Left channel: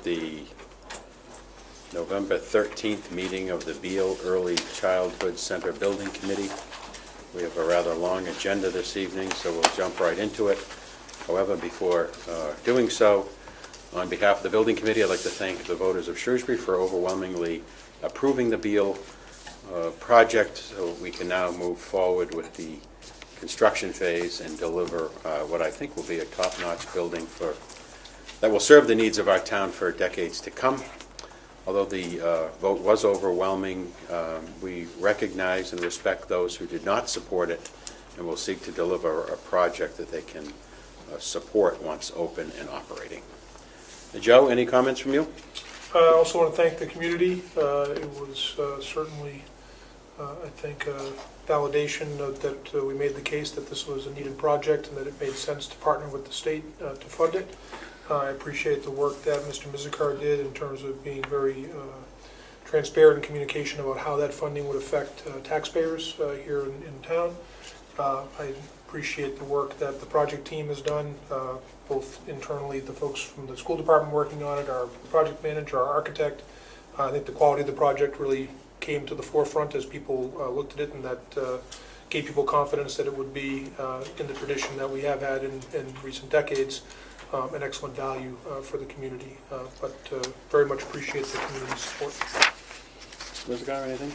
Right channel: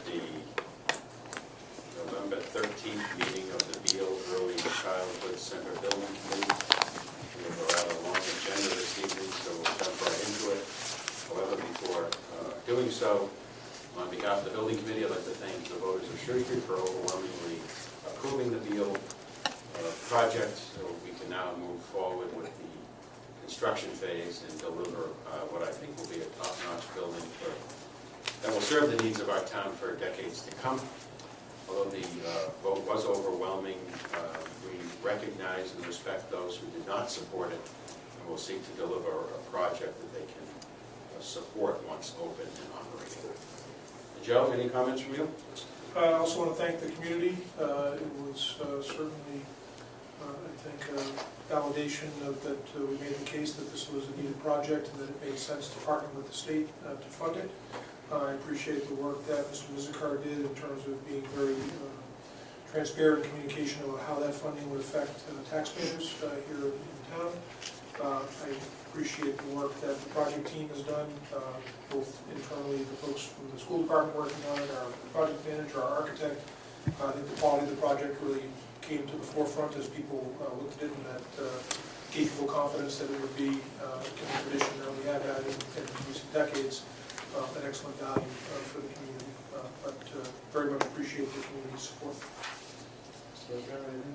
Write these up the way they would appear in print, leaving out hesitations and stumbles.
with the November 13th meeting of the Beal Early Childhood Center Building Committee. We have a rather long agenda this evening, so we'll jump right into it. However, before doing so, on behalf of the Building Committee, I'd like to thank the voters of Shrewsbury for overwhelmingly approving the Beal project, so we can now move forward with the construction phase and deliver what I think will be a top-notch building that will serve the needs of our town for decades to come. Although the vote was overwhelming, we recognize and respect those who did not support it, and will seek to deliver a project that they can support once open and operating. Joe, any comments from you? I also want to thank the community. It was certainly, I think, a validation that we made the case that this was a needed project and that it made sense to partner with the state to fund it. I appreciate the work that Mr. Mizikar did in terms of being very transparent in communication about how that funding would affect taxpayers here in town. I appreciate the work that the project team has done, both internally, the folks from the school department working on it, our project manager, our architect. I think the quality of the project really came to the forefront as people looked at it, and that gave people confidence that it would be, in the tradition that we have had in recent decades, an excellent value for the community. But very much appreciate the community's support. Ms. Gar, anything?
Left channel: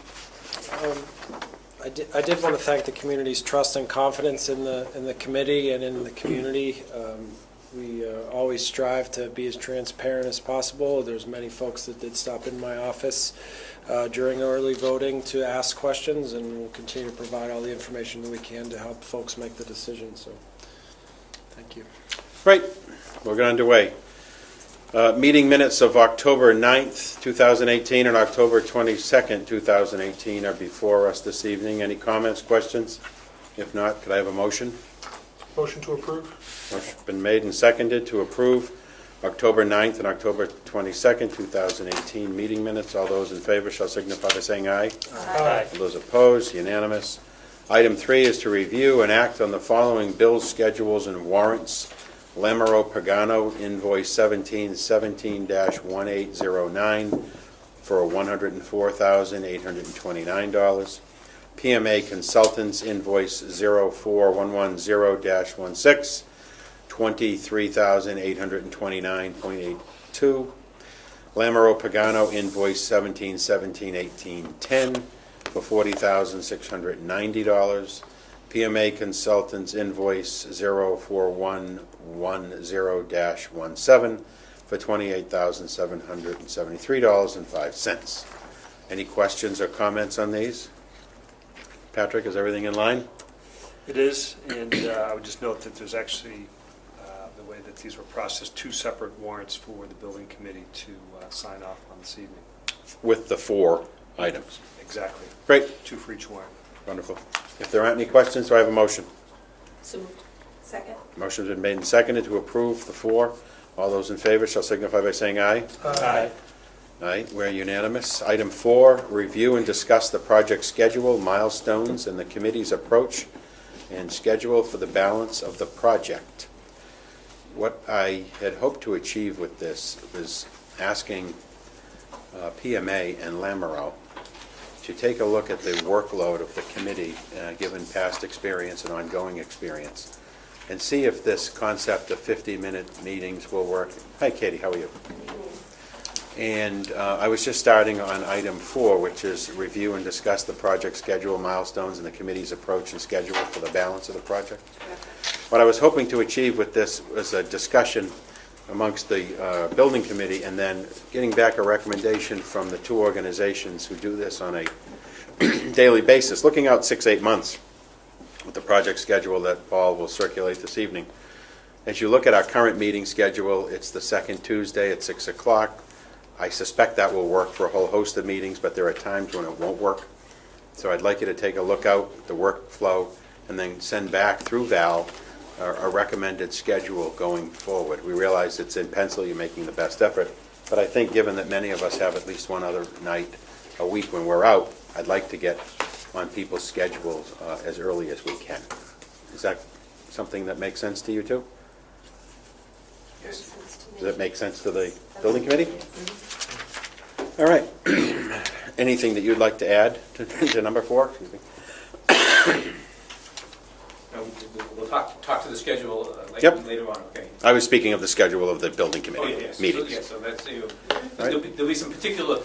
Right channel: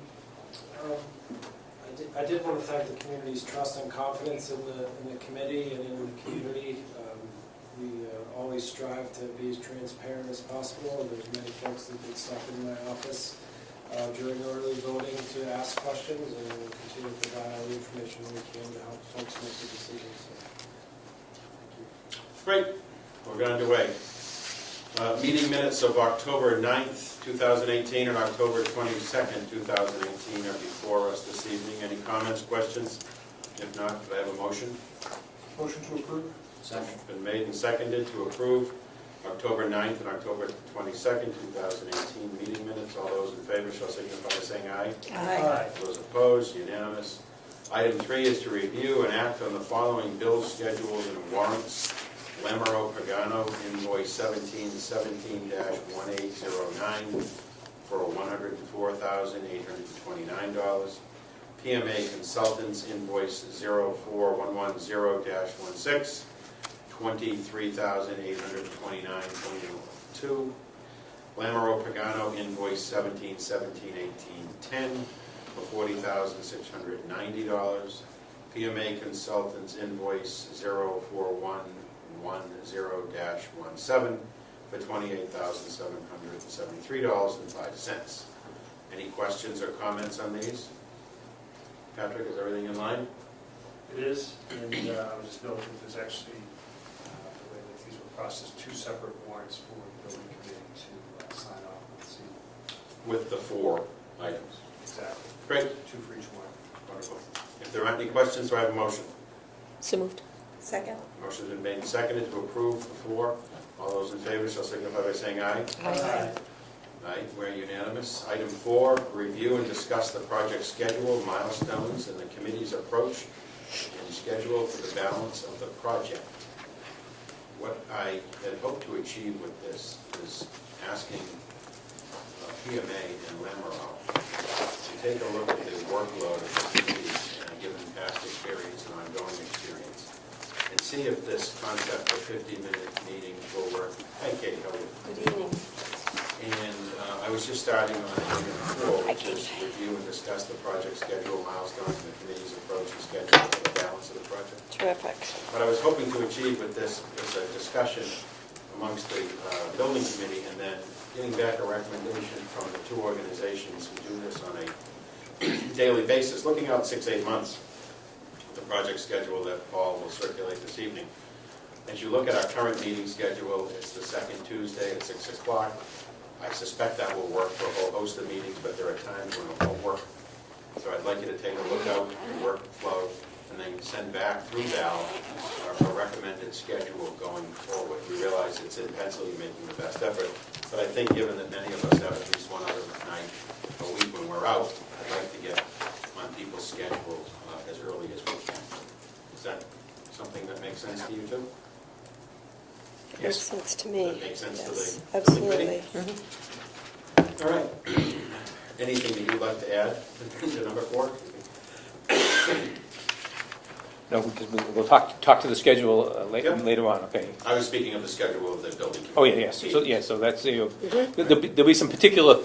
I did want to thank the community's trust and confidence in the committee and in the community. We always strive to be as transparent as possible. There's many folks that did stop in my office during early voting to ask questions, and we'll continue to provide all the information that we can to help folks make the decision. So, thank you. Right, we're going underway. Meeting minutes of October 9th, 2018 and October 22nd, 2018 are before us this evening. Any comments, questions? If not, could I have a motion? Motion to approve. Motion's been made and seconded to approve October 9th and October 22nd, 2018 meeting minutes. All those in favor shall signify by saying aye. Aye. All those opposed, unanimous. Item 3 is to review and act on the following bills, schedules, and warrants. Lamero Pagano, invoice 1717-1809 for $104,829. PMA Consultants, invoice 04110-16, $23,829.82. Lamero Pagano, invoice 1717-1810 for $40,690. PMA Consultants, invoice 04110-17 for $28,773.05. Any questions or comments on these? Patrick, is everything in line? It is, and I would just note that there's actually, the way that these were processed, 2 separate warrants for the building committee to sign off on this evening. With the 4 items. Exactly. Great. 2 for each warrant. Wonderful. If there aren't any questions, do I have a motion? So moved. Second. Motion's been made and seconded to approve the 4. All those in favor shall signify by saying aye. Aye. Aye, we're unanimous. Item 4, review and discuss the project schedule, milestones, and the committee's approach and schedule for the balance of the project. What I had hoped to achieve with this is asking PMA and Lamero to take a look at the workload of the committee, given past experience and ongoing experience, and see if this concept of 50-minute meetings will work. Hi, Katie, how are you? Good evening. And I was just starting on item 4, which is review and discuss the project schedule, milestones, and the committee's approach and schedule for the balance of the project. Terrific. What I was hoping to achieve with this was a discussion amongst the building committee, and then getting back a recommendation from the 2 organizations who do this on a daily basis, looking out 6-8 months with the project schedule that Paul will circulate this evening. As you look at our current meeting schedule, it's the second Tuesday at 6 o'clock. I suspect that will work for a whole host of meetings, but there are times when it won't work. So I'd like you to take a look out the workflow and then send back through Val a recommended schedule going forward. We realize it's in pencil, you're making the best effort, but I think given that many of us have at least one other night a week when we're out, I'd like to get on people's schedules as early as we can. Is that something that makes sense to you too? Makes sense to me. Does that make sense to the Yes, building committee? absolutely. All right. Anything that you'd like to add to number 4? No, because we'll talk to the schedule Yep. later on, okay? I was speaking of the schedule of the building committee. Oh, yeah, yes, so, meetings. yeah, so that's, Mhm. there'll be some particular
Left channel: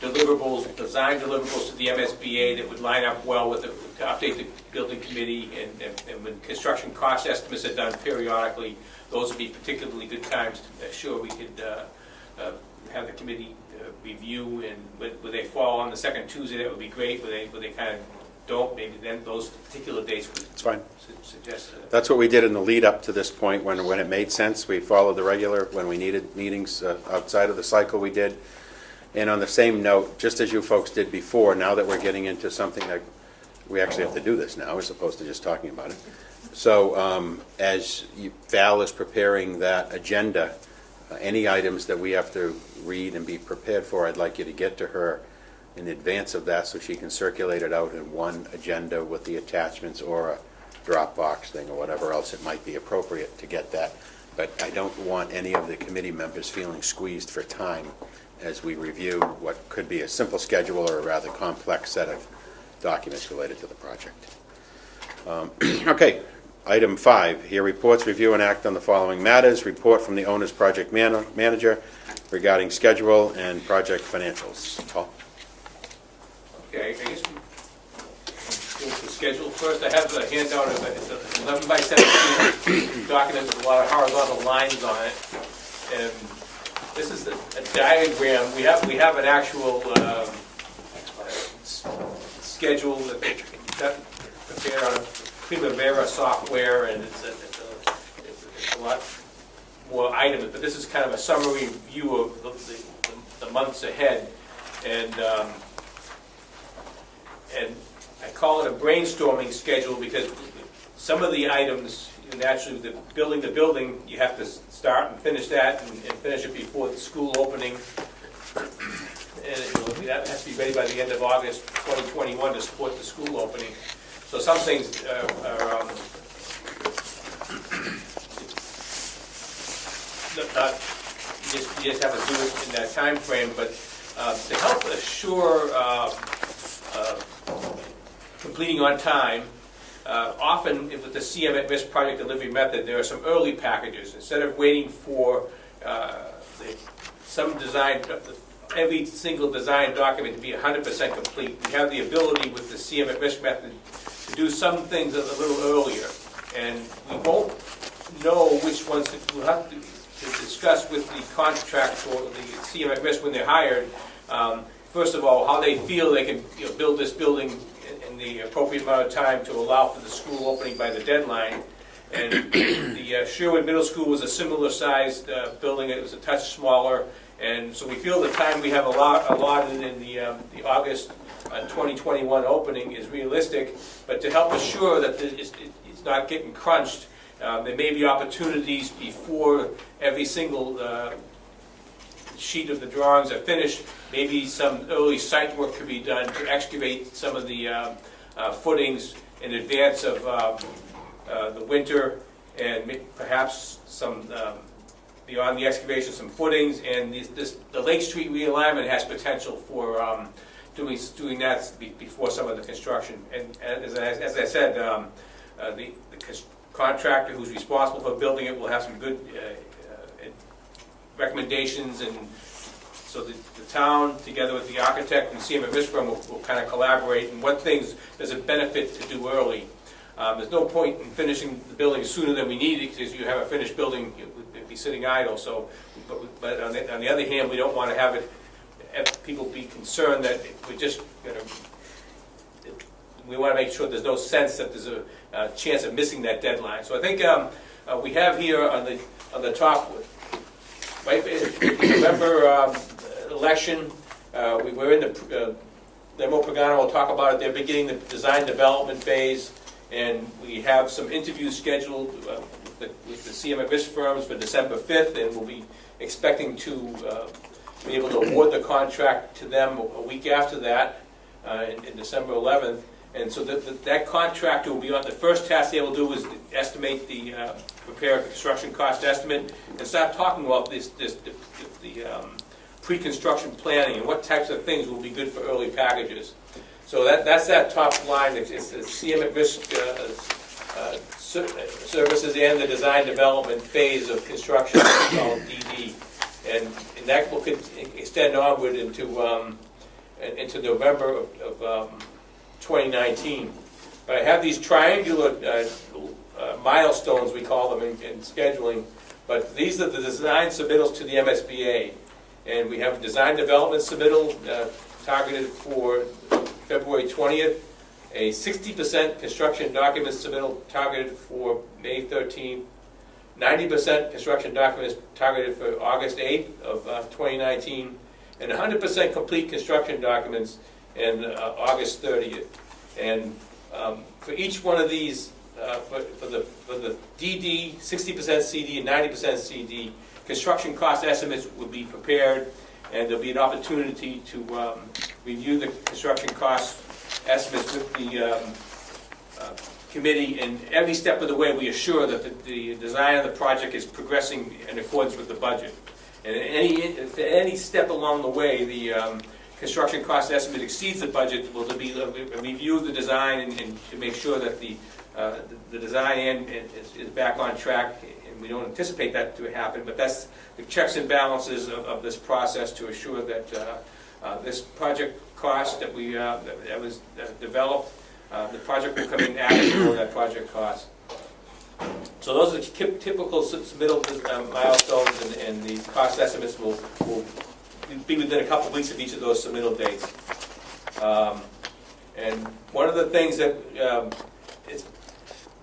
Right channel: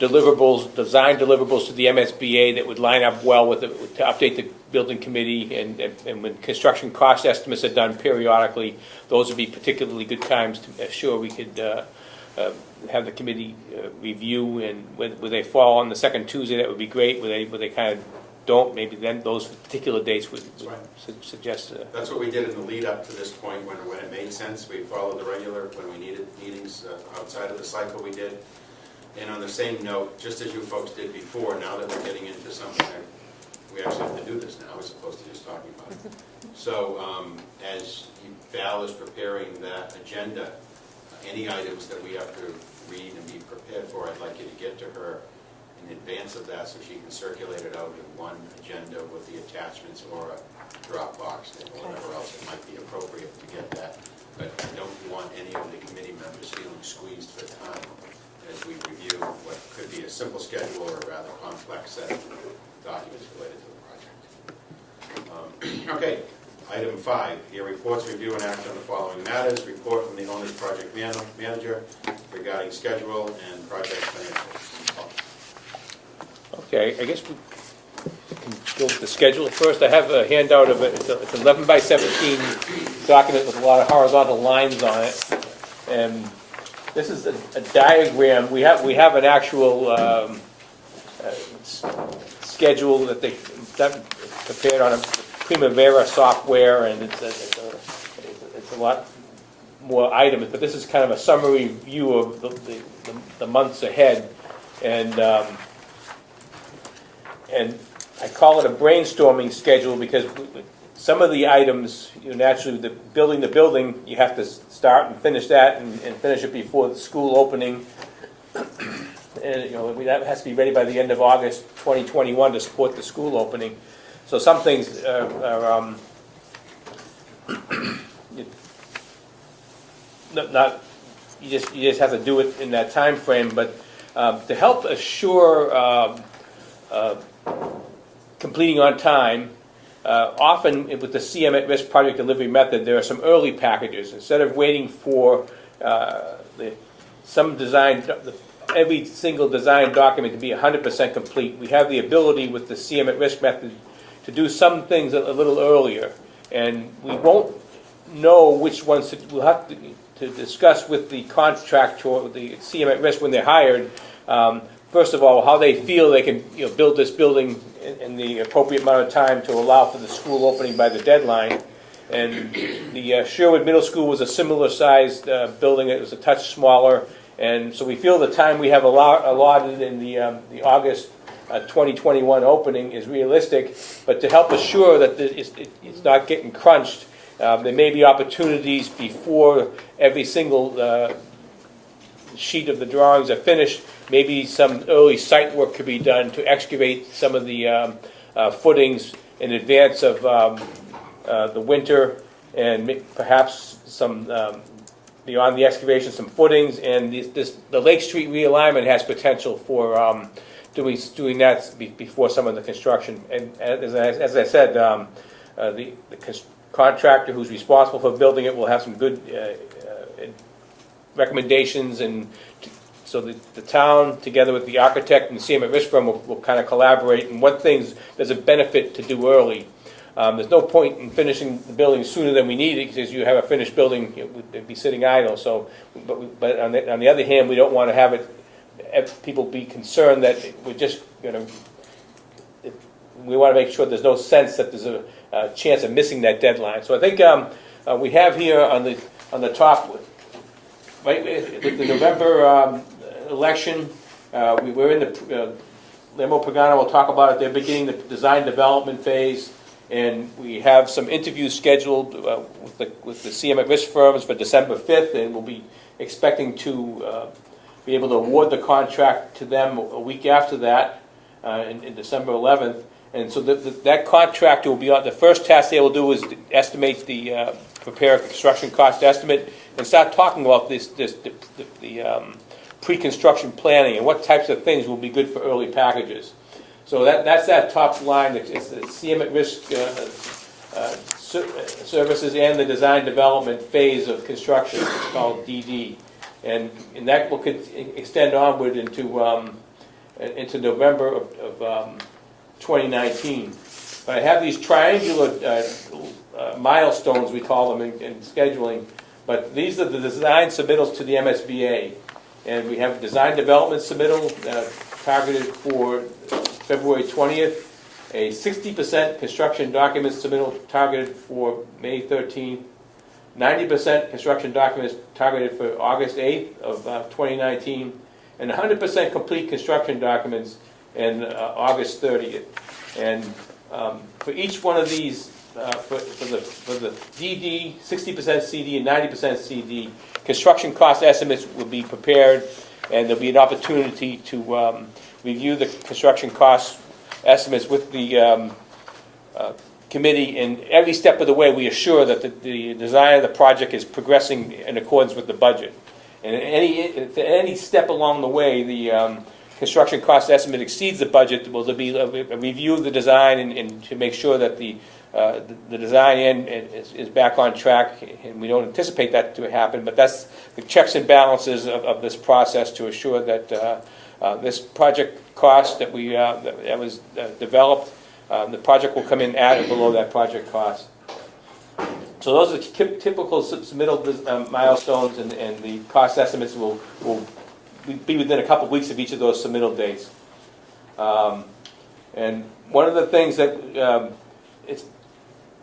deliverables, design deliverables to the MSBA that would line up well with, to update the building committee, and when construction cost estimates are done periodically, those would be particularly good times to assure we could have the committee review, and where they fall on the second Tuesday, that would be great. Where they kind of don't, maybe then those particular dates would fine. suggest. That's what we did in the lead up to this point, when it made sense. We followed the regular, when we needed meetings outside of the cycle, we did. And on the same note, just as you folks did before, now that we're getting into something that we actually have to do this now, as opposed to just talking about it. So as Val is preparing that agenda, any items that we have to read and be prepared for, I'd like you to get to her in advance of that so she can circulate it out in one agenda with the attachments or a Dropbox thing or whatever else it might be appropriate to get that. But I don't want any of the committee members feeling squeezed for time as we review what could be a simple schedule or a rather complex set of documents related to the project. Okay, item 5, here reports, review, and act on the following matters. Report from the owner's project manager regarding schedule and project financials. Paul? Okay, I guess we can go with the schedule first. I have a handout of it. It's 11 by 17 document with a lot of horizontal lines on it. And this is a diagram. We have an actual schedule that they've done, prepared on a Primavera software, and it's a lot more items. But this is kind of a summary view of the months ahead. And I call it a brainstorming schedule because some of the items, naturally, building the building, you have to start and finish that and finish it before the school opening. And that has to be ready by the end of August 2021 to support the school opening. So some things are not you just have to do it in that time frame, but to help assure completing on time, often with the CM at risk project delivery method, there are some early packages. Instead of waiting for every single design document to be 100% complete, we have the ability with the CM at risk method to do some things a little earlier. And we won't know which ones we'll have to discuss with the contractor or the CM at risk when they're hired. First of all, how they feel they can build this building in the appropriate amount of time to allow for the school opening by the deadline. And the Sherwood Middle School was a similar sized building. It was a touch smaller. And so we feel the time we have allotted in the August 2021 opening is realistic. But to help assure that it's not getting crunched, there may be opportunities before every single sheet of the drawings are finished. Maybe some early site work could be done to excavate some of the footings in advance of the winter, and perhaps some beyond the excavation, some footings. And the Lake Street realignment has potential for doing that before some of the construction. And as I said, the contractor who's responsible for building it will have some good recommendations, and so the town, together with the architect and CM at risk firm, will kind of collaborate and what things does it benefit to do early. There's no point in finishing the building sooner than we need it, because you have a finished building, it'd be sitting idle. So, but on the other hand, we don't want to have people be concerned that we're just we want to make sure there's no sense that there's a chance of missing that deadline. So I think we have here on the top. Right, the November election, we were in the, Lemo Pagano will talk about it, they're beginning the design development phase, and we have some interviews scheduled with the CM at risk firms for December 5th, and we'll be expecting to be able to award the contract to them a week after that, in December 11th. And so that contractor will be on, the first task they will do is estimate prepare a construction cost estimate and start talking about the pre-construction planning and what types of things will be good for early packages. So that's that top line. It's the CM at risk services and the design development phase of construction called DD. And that will extend onward into November of 2019. But I have these triangular milestones, we call them in scheduling, but these are the design submittals to the MSBA. And we have a design development submittal targeted for February 20th, a 60% construction document submittal targeted for May 13th, 90% construction documents targeted for August 8th of 2019, and 100% complete construction documents in August 30th. And for each one of these, for the DD, 60% CD, and 90% CD, construction cost estimates will be prepared, and there'll be an opportunity to review the construction cost estimates with the committee. And every step of the way, we assure that the design of the project is progressing in accordance with the budget. And any step along the way, the construction cost estimate exceeds the budget, will there be a review of the design and to make sure that the design end is back on track. And we don't anticipate that to happen, but that's the checks and balances of this process to assure that this project cost that was developed, the project will come in at or below that project cost. So those are the typical submittal milestones, and the cost estimates will be within a couple of weeks of each of those submittal dates. And one of the things that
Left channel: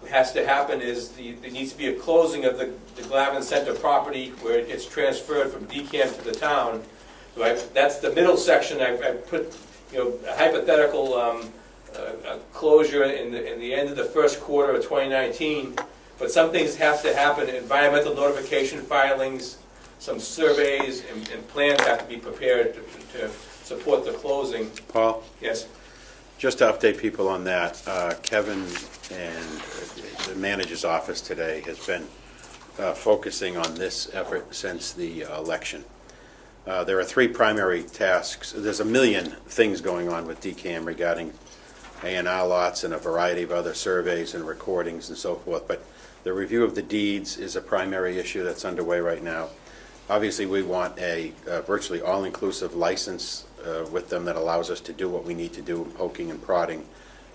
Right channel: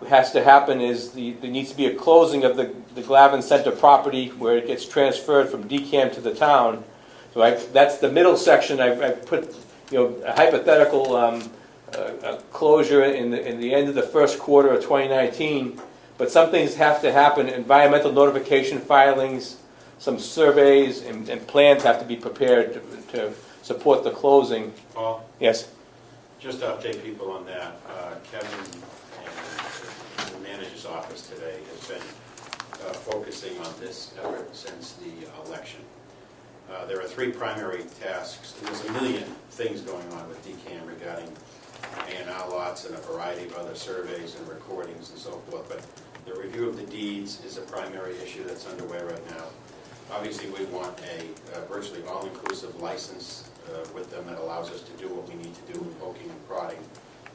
has to happen is there needs to be a closing of the Glavin Center property where it gets transferred from DCAM to the town. So that's the middle section. I put a hypothetical closure in the end of the first quarter of 2019. But some things have to happen. Environmental notification filings, some surveys, and plans have to be prepared to support the closing. Paul? Yes. Just to update people on that, Kevin and the manager's office today has been focusing on this effort since the election. There are three primary tasks. There's a million things going on with DCAM regarding A&R lots and a variety of other surveys and recordings and so forth, but the review of the deeds is a primary issue that's underway right now. Obviously, we want a virtually all-inclusive license with them that allows us to do what we need to do, poking and prodding,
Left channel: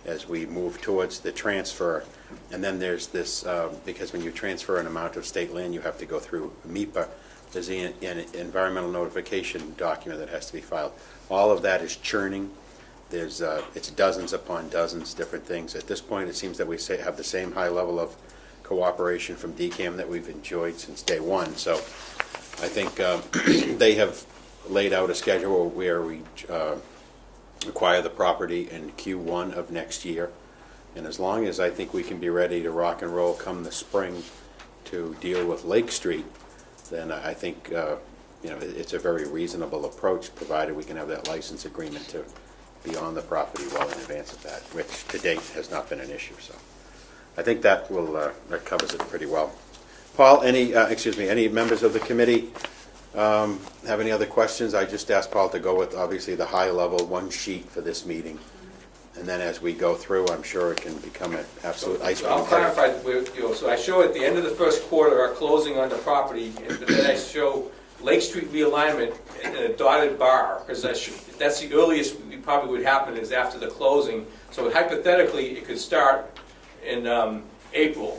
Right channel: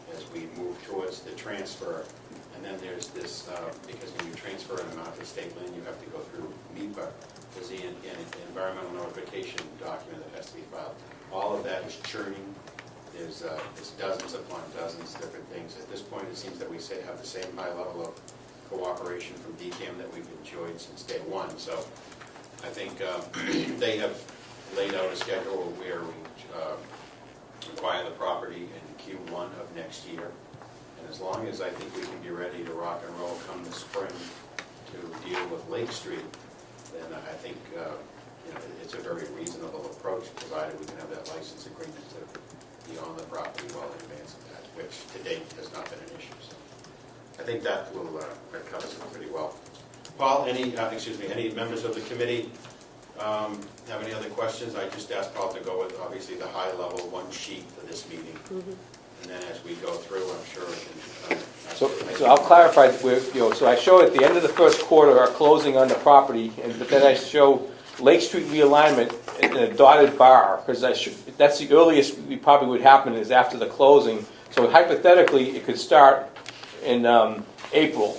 as we move towards the transfer. And then there's this, because when you transfer an amount of state land, you have to go through MEPA. There's an environmental notification document that has to be filed. All of that is churning. There's it's dozens upon dozens different things. At this point, it seems that we have the same high level of cooperation from DCAM that we've enjoyed since day one. So I think they have laid out a schedule where we acquire the property in Q1 of next year. And as long as I think we can be ready to rock and roll come the spring to deal with Lake Street, then I think it's a very reasonable approach, provided we can have that license agreement to be on the property well in advance of that, which to date has not been an issue. So I think that will that covers it pretty well. Paul, any members of the committee have any other questions? I just asked Paul to go with obviously the high level one sheet for this meeting. And then as we go through, I'm sure it can become an absolute ice So I'll cream clarify, so I show at the end of the first quarter our closing on the property, but then I show Lake Street realignment in a dotted bar, because that's the earliest we probably would happen is after the closing. So hypothetically, it could start in April.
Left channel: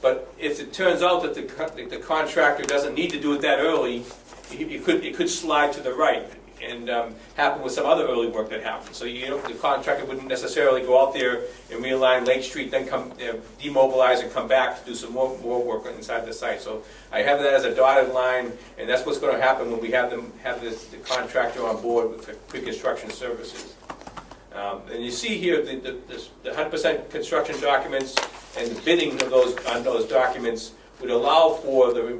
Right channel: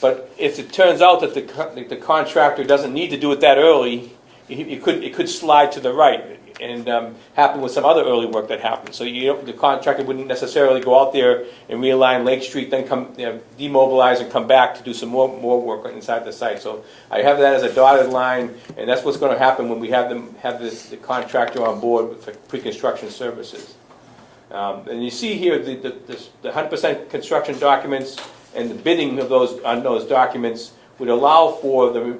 But if it turns out that the contractor doesn't need to do it that early, it could slide to the right and happen with some other early work that happens. So the contractor wouldn't necessarily go out there and realign Lake Street, then come demobilize and come back to do some more work inside the site. So I have that as a dotted line, and that's what's going to happen when we have the contractor on board for pre-construction services. And you see here the 100% construction documents and the bidding of on those documents would allow for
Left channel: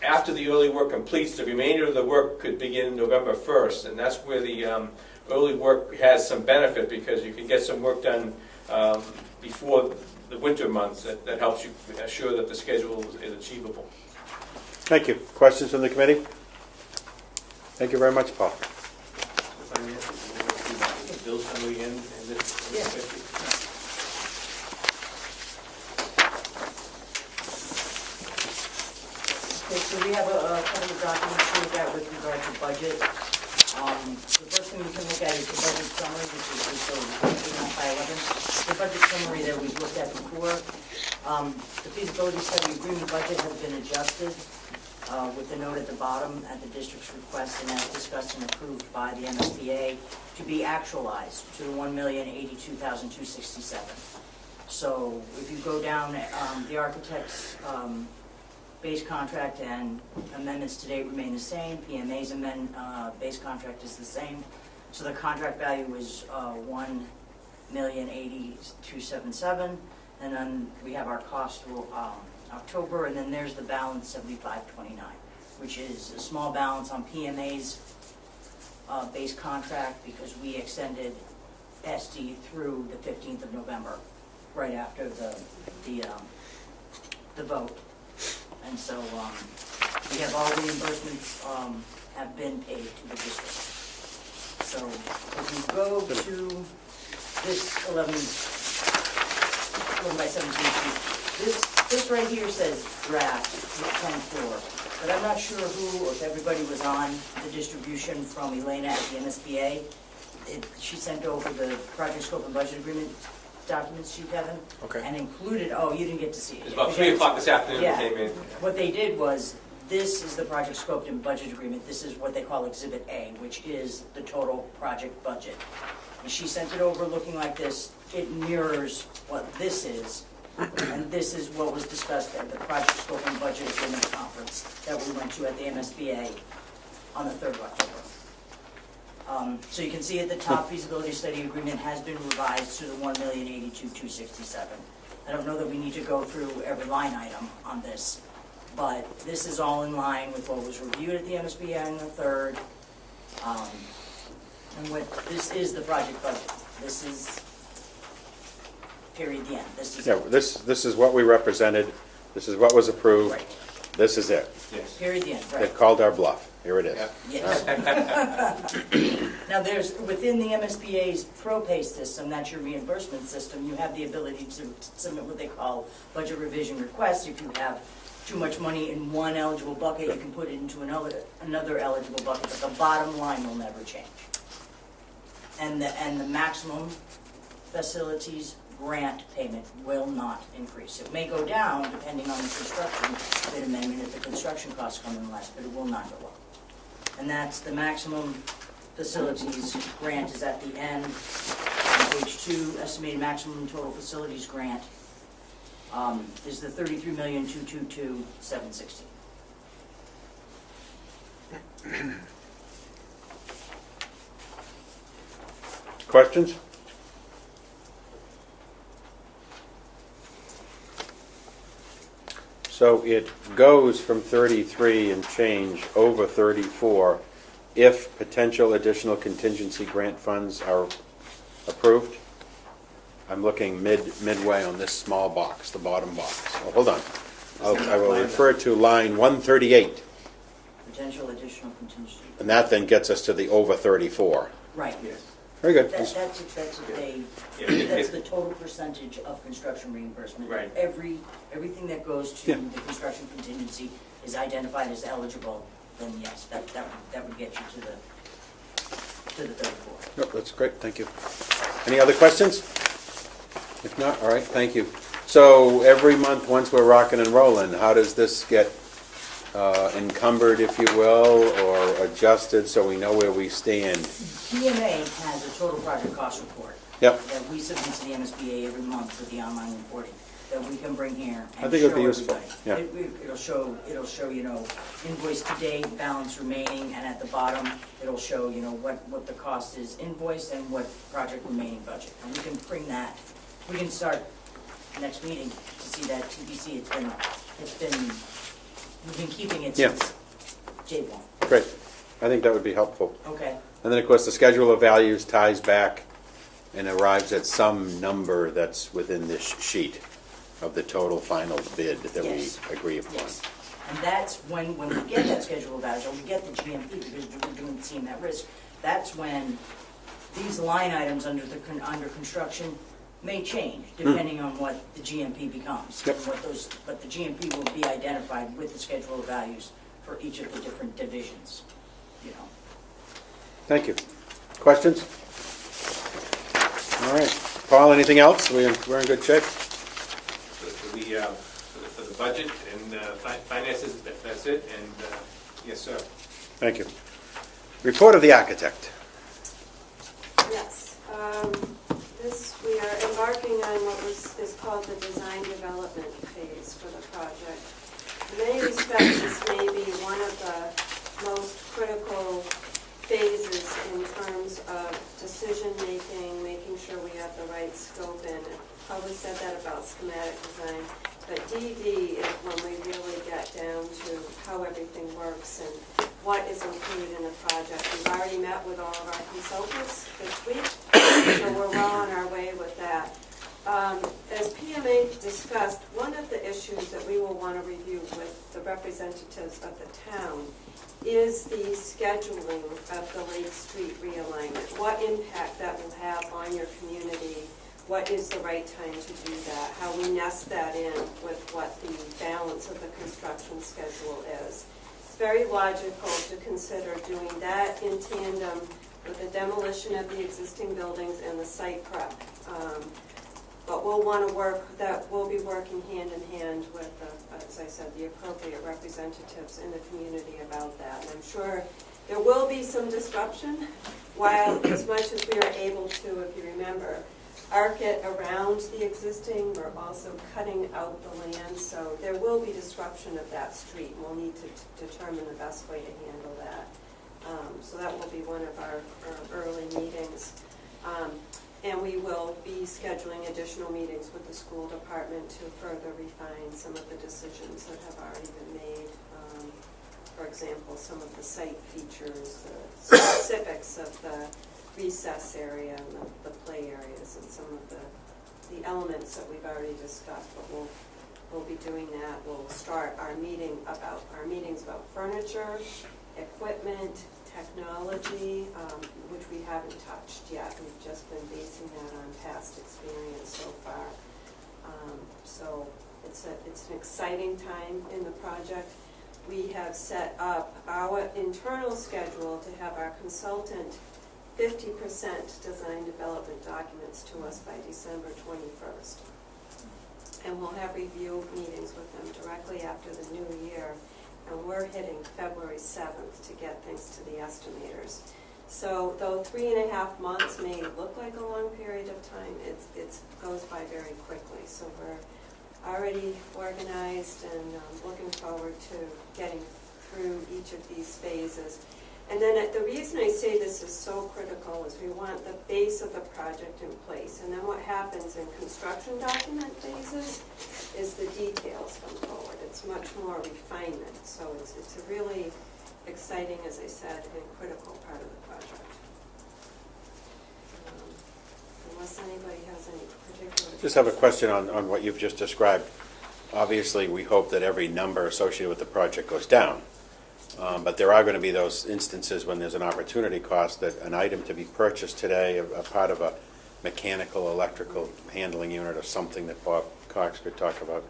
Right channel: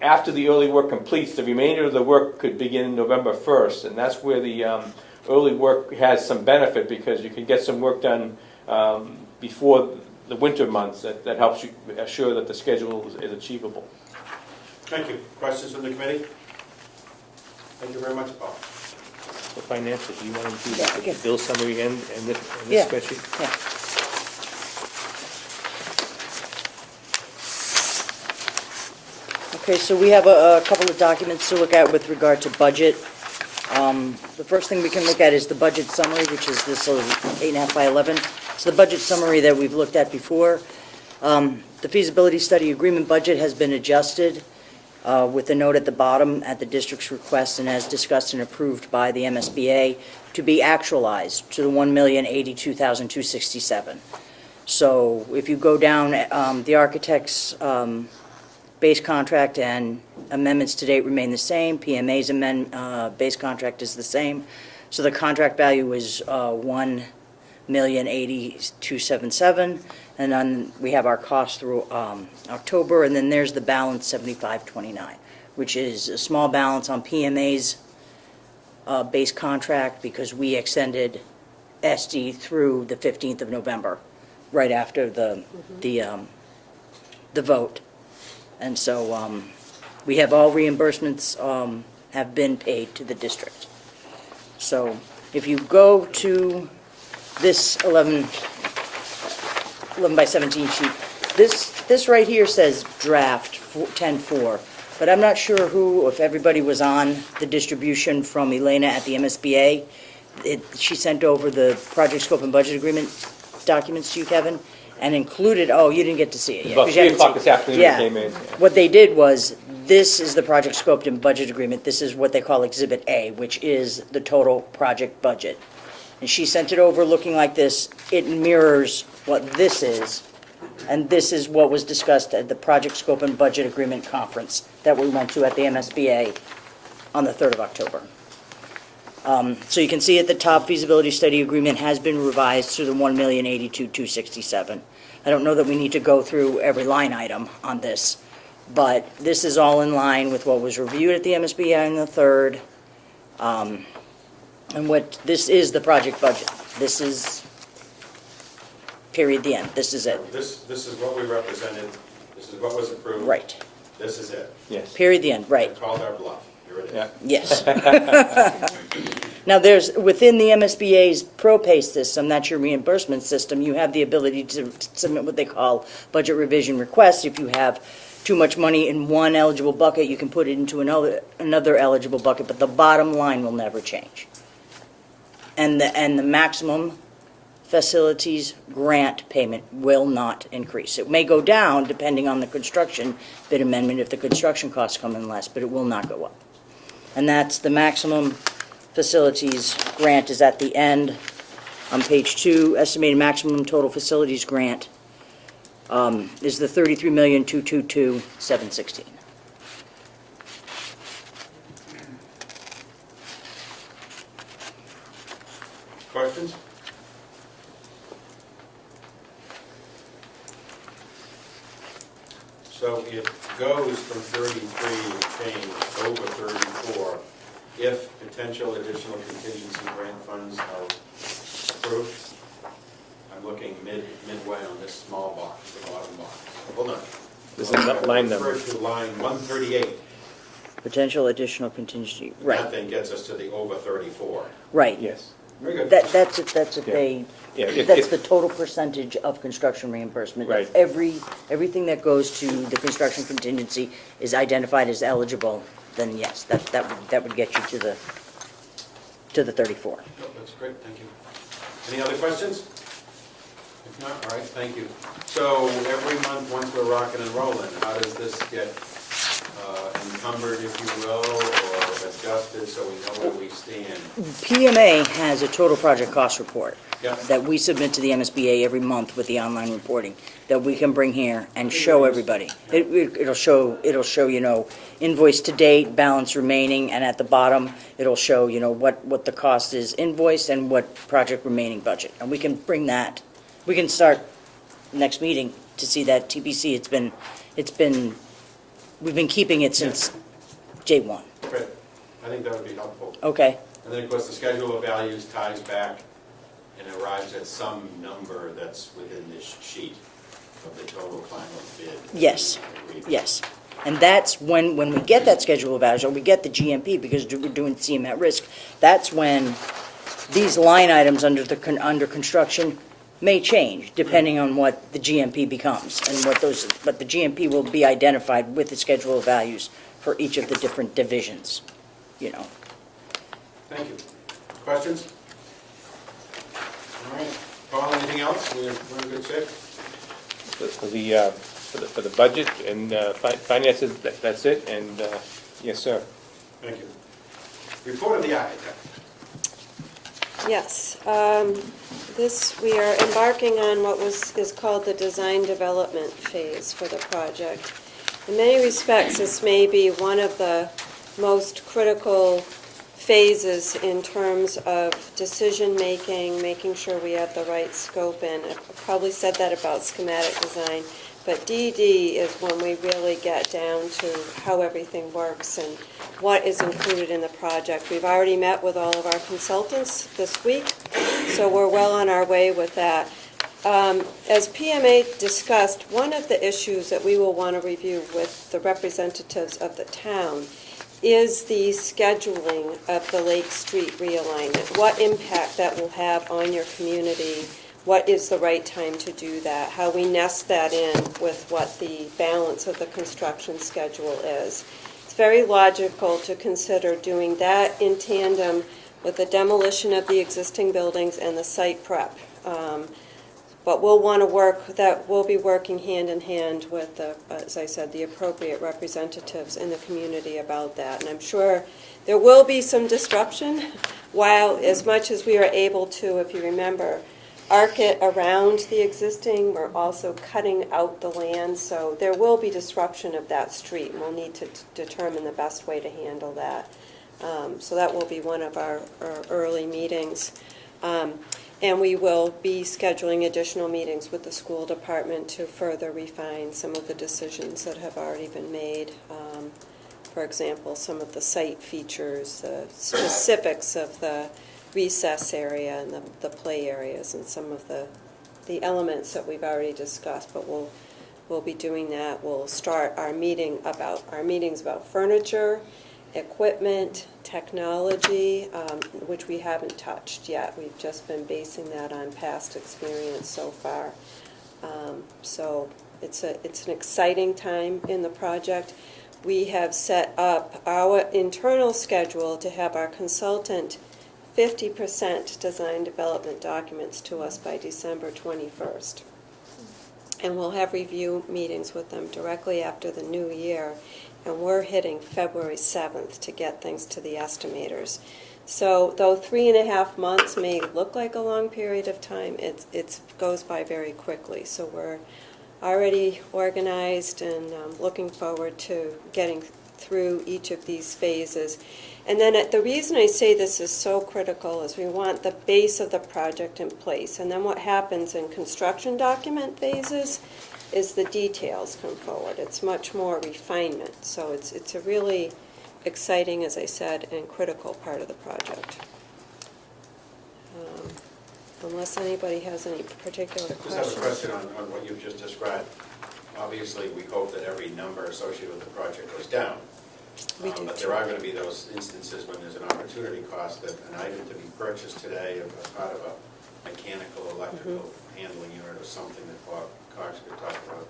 after the early work completes, the remainder of the work could begin November 1st, and that's where the early work has some benefit, because you can get some work done before the winter months, that helps you assure that the schedule is achievable. Thank you. Questions from the committee? Thank you very much, Paul. So financial, do you want to do that, the bill summary and this Yeah. spreadsheet? Yeah. Okay, so we have a couple of documents to look at with regard to budget. The first thing we can look at is the budget summary, which is this sort of 8.5 by 11. It's the budget summary that we've looked at before. The feasibility study agreement budget has been adjusted with a note at the bottom at the district's request and as discussed and approved by the MSBA to be actualized to the $1,082,267. So if you go down, the architect's base contract and amendments to date remain the same. PMA's base contract is the same. So the contract value is $1,082,277, and then we have our cost through October, and then there's the balance, $75,29, which is a small balance on PMA's base contract because we extended SD through the 15th of November, right after the vote. And so we have all reimbursements have been paid to the district. So if you go to this 11 by 17 sheet, this right here says draft 10-4, but I'm not sure who, if everybody was on the distribution from Elena at the MSBA. She sent over the project scope and budget agreement documents to you, Kevin, and included, oh, you didn't get to see it yet. About 'cause you 3 haven't o'clock seen this it. afternoon it Yeah. came in. What they did was, this is the project scoped and budget agreement. This is what they call Exhibit A, which is the total project budget. And she sent it over looking like this. It mirrors what this is, and this is what was discussed at the project scope and budget agreement conference that we went to at the MSBA on the 3rd of October. So you can see at the top, feasibility study agreement has been revised to the $1,082,267. I don't know that we need to go through every line item on this, but this is all in line with what was reviewed at the MSBA on the 3rd. And what, this is the project budget. This is, period, the end. This is it. This is what we represented, this is what was approved. Right. This is it. Yes. Period, the end, right. It called our bluff. Here it is. Yeah. Yes. Now, there's, within the MSBA's ProPay system, that's your reimbursement system, you have the ability to submit what they call budget revision requests. If you have too much money in one eligible bucket, you can put it into another eligible bucket, but the bottom line will never change. And the maximum facilities grant payment will not increase. It may go down depending on the construction bid amendment if the construction costs come in less, but it will not go up. And that's the maximum facilities grant is at the end on page 2. Estimated maximum total facilities grant is the $33,222,716. Questions? So it goes from 33 and change over 34 if potential additional contingency grant funds are approved? I'm looking midway on this small box, the bottom box. Oh, hold on. I will line refer to line 138, Potential additional contingency. and that then gets us to the over 34. Right. Yes. Very good. That's if they, Yeah, that's the total percentage of construction reimbursement. Right. Everything that goes to the construction contingency is identified as eligible, then yes, that would get you to the 34. No, that's great, thank you. Any other questions? If not, all right, thank you. So every month, once we're rocking and rolling, how does this get encumbered, if you will, or adjusted so we know where we stand? PMA has a total project cost report. Yep. That we submit to the MSBA every month with the online reporting, that we can bring here I and think it'd show be everybody. useful. Yeah. It'll show, invoice to date, balance remaining, and at the bottom, it'll show, what the cost is invoiced and what project remaining budget. And we can bring that, we can start next meeting to see that TBC. We've been keeping it since J1. Great, I think that would be helpful. Okay, And then, of course, the schedule of values ties back and arrives at some number that's within this sheet of the total final bid that we Yes. agree upon. Yes. And that's when we get that schedule of values, or we get the GMP, because we're doing CM at risk, that's when these line items under construction may change, depending on what the GMP becomes, and but the GMP will be identified with the schedule of values for each of the different divisions, you know. Thank you. Questions? All right. Paul, anything else? We're in good shape? For the budget and finances, that's it, and yes, sir. Thank you. Report of the architect. Yes, we are embarking on what is called the design development phase for the project. In many respects, this may be one of the most critical phases in terms of decision-making, making sure we have the right scope in. I probably said that about schematic design, but DD is when we really get down to how everything works and what is included in the project. We've already met with all of our consultants this week, so we're well on our way with that. As PMA discussed, one of the issues that we will want to review with the representatives of the town is the scheduling of the Lake Street realignment, what impact that will have on your community, what is the right time to do that, how we nest that in with what the balance of the construction schedule is. It's very logical to consider doing that in tandem with the demolition of the existing buildings and the site prep. But we'll be working hand in hand with, as I said, the appropriate representatives in the community about that. And I'm sure there will be some disruption, while as much as we are able to, if you remember, arc it around the existing, we're also cutting out the land, so there will be disruption of that street, and we'll need to determine the best way to handle that. So that will be one of our early meetings. And we will be scheduling additional meetings with the school department to further refine some of the decisions that have already been made. For example, some of the site features, the specifics of the recess area and the play areas, and some of the elements that we've already discussed. But we'll be doing that. We'll start our meetings about furniture, equipment, technology, which we haven't touched yet. We've just been basing that on past experience so far. So it's an exciting time in the project. We have set up our internal schedule to have our consultant 50% design development documents to us by December 21st. And we'll have review meetings with them directly after the new year. And we're hitting February 7th to get things to the estimators. So though 3.5 months may look like a long period of time, it goes by very quickly. So we're already organized and looking forward to getting through each of these phases. And then the reason I say this is so critical is we want the base of the project in place. And then what happens in construction document phases is the details come forward. It's much more refinement. So it's a really exciting, as I said, and critical part of the project. Unless anybody has any particular questions. Just have a question on what you've just described. Obviously, we hope that every number associated with the project goes down. But there are going to be those instances when there's an opportunity cost that an item to be purchased today, a part of a mechanical, electrical handling unit or something that Bob Cox could talk about.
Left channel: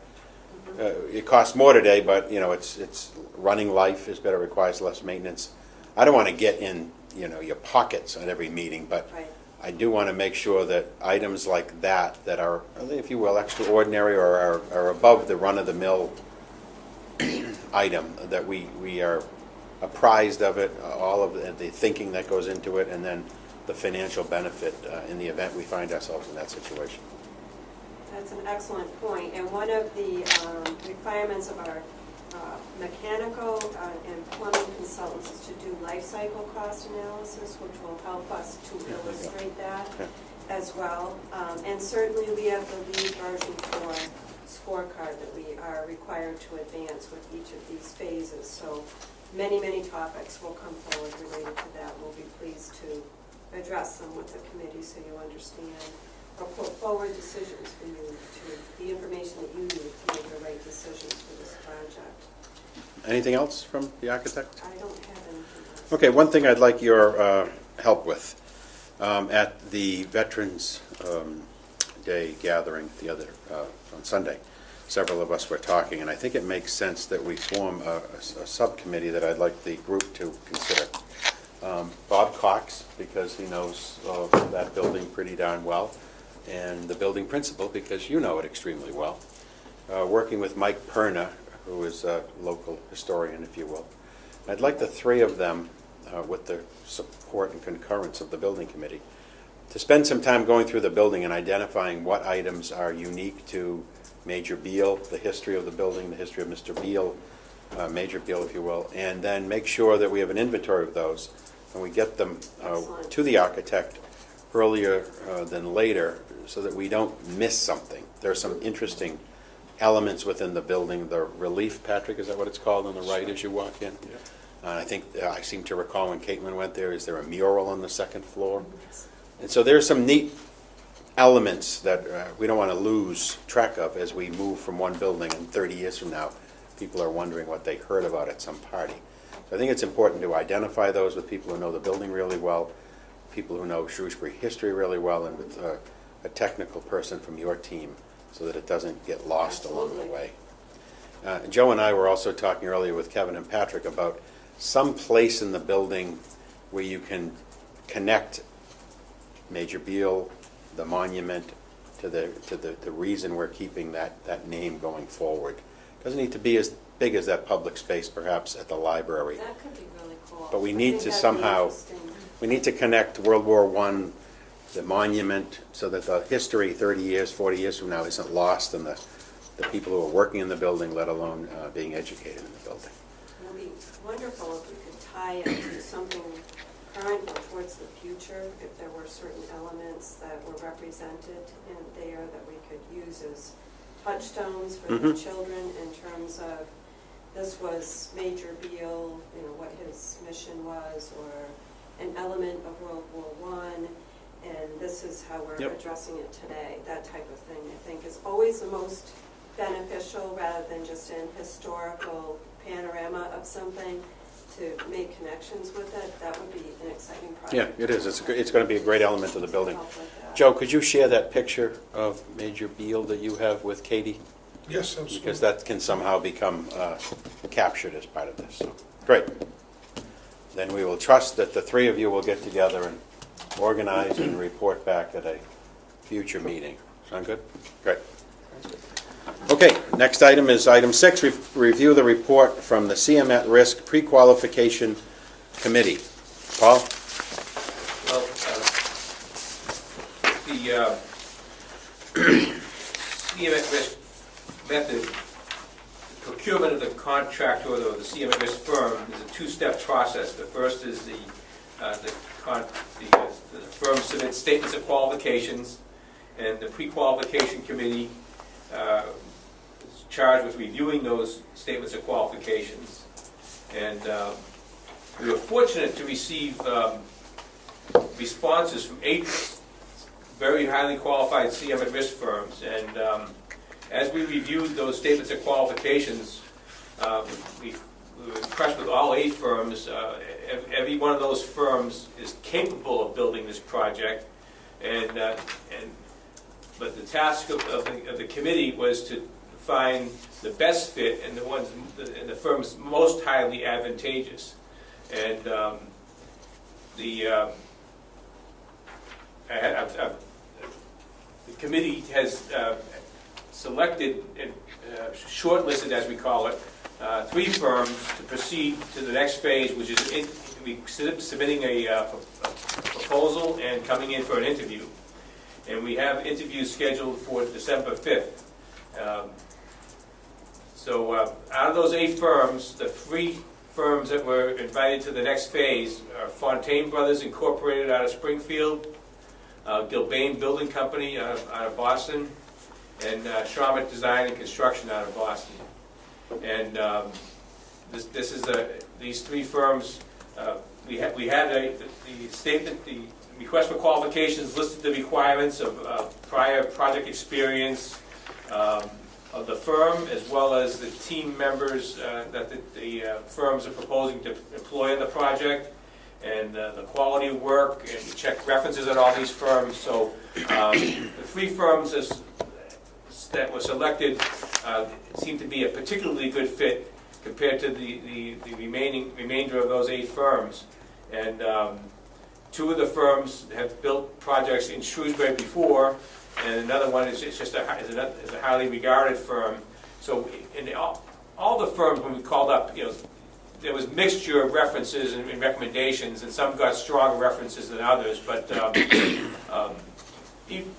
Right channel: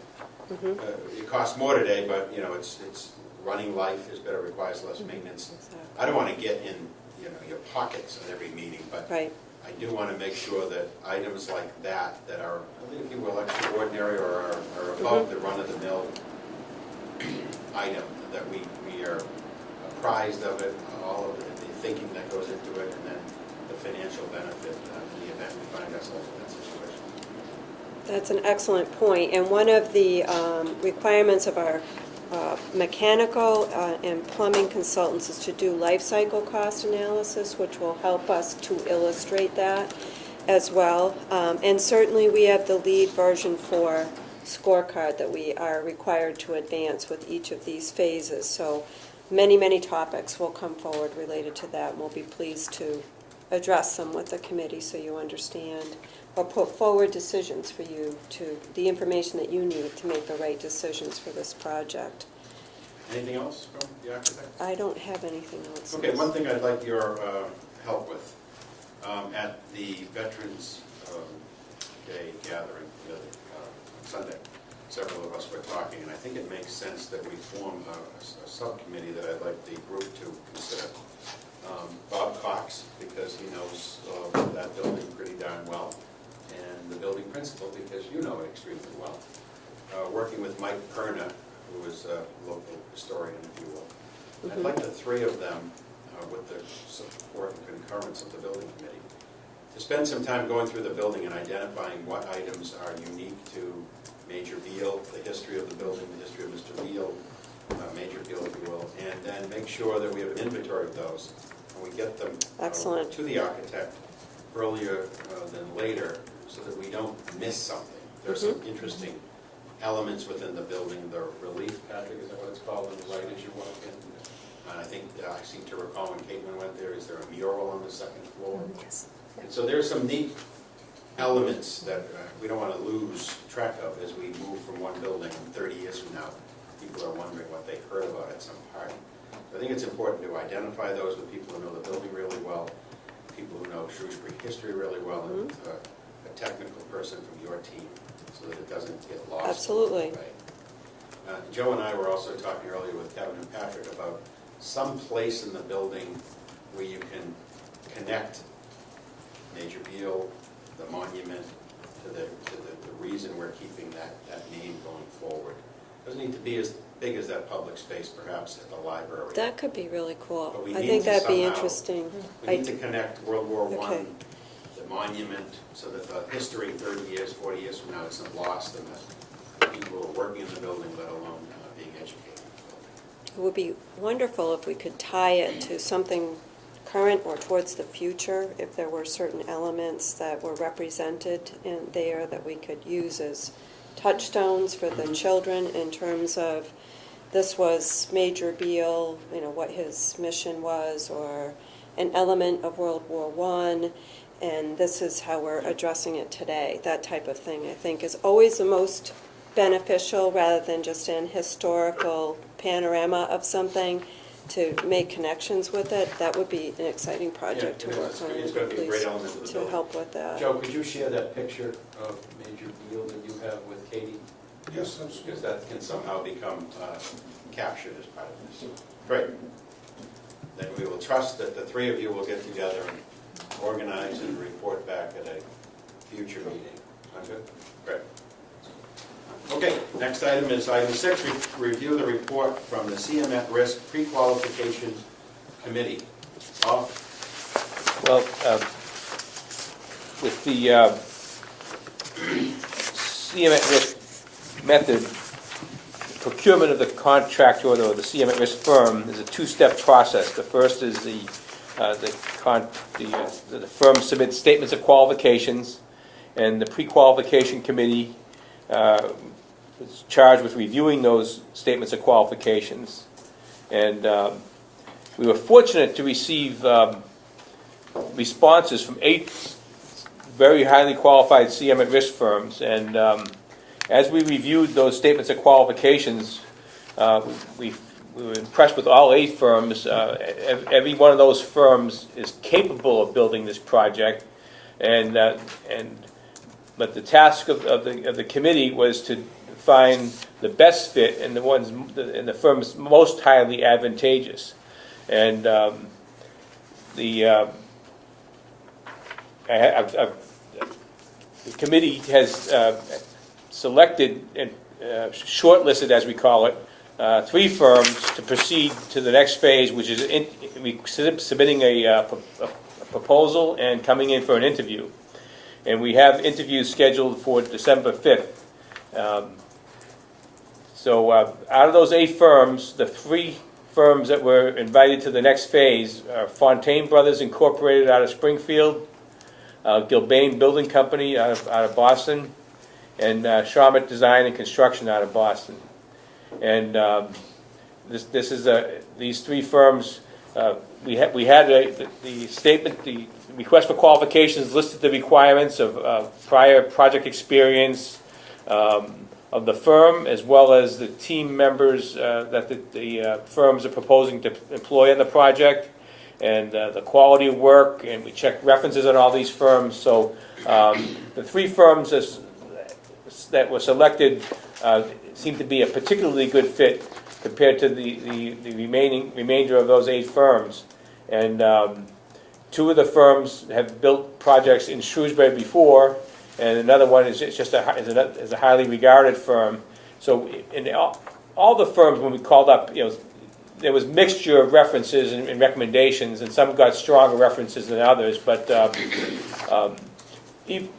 It costs more today, but it's running life is better, requires less maintenance. I don't want to get in your pockets at every meeting, but Right. I do want to make sure that items like that are, if you will, extraordinary or are above the run-of-the-mill item, that we are apprised of it, all of the thinking that goes into it, and then the financial benefit in the event we find ourselves in that situation. That's an excellent point. And one of the requirements of our mechanical and plumbing consultants is to do life cycle cost analysis, which will help us to illustrate that as well. And certainly we have the LEED version 4 scorecard that we are required to advance with each of these phases. So many, many topics will come forward related to that, and we'll be pleased to address them with the committee so you understand, or put forward decisions for you to, the information that you need to make the right decisions for this project. Anything else from the architect? I don't have anything else. Okay, one thing I'd like your help with. At the Veterans Day gathering the other, on Sunday, several of us were talking, and I think it makes sense that we form a subcommittee that I'd like the group to consider. Bob Cox, because he knows that building pretty darn well, and the building principal, because you know it extremely well. Working with Mike Perna, who is a local historian, if you will. I'd like the three of them, with the support and concurrence of the building committee, to spend some time going through the building and identifying what items are unique to Major Beal, the history of the building, the history of Mr. Beal, Major Beal, if you will, and then make sure that we have an inventory of those, and we get them Excellent. to the architect earlier than later, so that we don't miss something. There are some interesting elements within the building. The relief, Patrick, is that what it's called on the right as you walk in? I think, I seem to recall when Caitlin went there, is there a mural on the second floor? Yes. And so there's some neat elements that we don't want to lose track of as we move from one building, and 30 years from now, people are wondering what they heard about at some party. I think it's important to identify those with people who know the building really well, people who know Shrewsbury history really well, and with a technical person from your team, so that it doesn't get lost along the Absolutely. way. Joe and I were also talking earlier with Kevin and Patrick about some place in the building where you can connect Major Beal, the monument, to the reason we're keeping that name going forward. Doesn't need to be as big as that public space, perhaps, at the library. That could be really cool. But we I need think to that'd be somehow- interesting. We need to connect World War I, the monument, so that the history 30 years, 40 years from now isn't lost in the people who are working in the building, let alone being educated in the building. It would be wonderful if we could tie it to something current or towards the future, if there were certain elements that were represented in there that we could use as touchstones for the children in terms of this was Major Beal, what his mission was, or an element of World War I, and this is how we're Yep. addressing it today. That type of thing, I think, is always the most beneficial, rather than just an historical panorama of something, to make connections with it. That would be an exciting project. Yeah, it to is. work on, It's going to be a great please, element of the building. To help with that. Joe, could you share that picture of Major Beal that you have with Katie? Yes, absolutely. Because that can somehow become captured as part of this. So, great. Then we will trust that the three of you will get together and organize and report back at a future meeting. Sound good? Great. Okay, next item is item 6, review the report from the CM at Risk Pre-Qualification Committee. Paul? Well, with the CM at risk method, procurement of the contractor or the CM at risk firm is a two-step process. The first is the firm submits statements of qualifications, and the pre-qualification committee is charged with reviewing those statements of qualifications. And we were fortunate to receive responses from 8 very highly qualified CM at risk firms, and as we reviewed those statements of qualifications, we were impressed with all 8 firms. Every one of those firms is capable of building this project, but the task of the committee was to find the best fit and the firms most highly advantageous. And the committee has selected and shortlisted, as we call it, 3 firms to proceed to the next phase, which is submitting a proposal and coming in for an interview. And we have interviews scheduled for December 5th. So out of those 8 firms, the 3 firms that were invited to the next phase are Fontaine Brothers Incorporated out of Springfield, Gilbane Building Company out of Boston, and Shawmut Design and Construction out of Boston. And these 3 firms, we had the statement, the request for qualifications listed the requirements of prior project experience of the firm, as well as the team members that the firms are proposing to employ on the project, and the quality of work, and we checked references on all these firms. So the three firms that were selected seem to be a particularly good fit compared to the remainder of those 8 firms. And 2 of the firms have built projects in Shrewsbury before, and another one is just a highly regarded firm. So in all the firms, when we called up, there was mixture of references and recommendations, and some got stronger references than others. But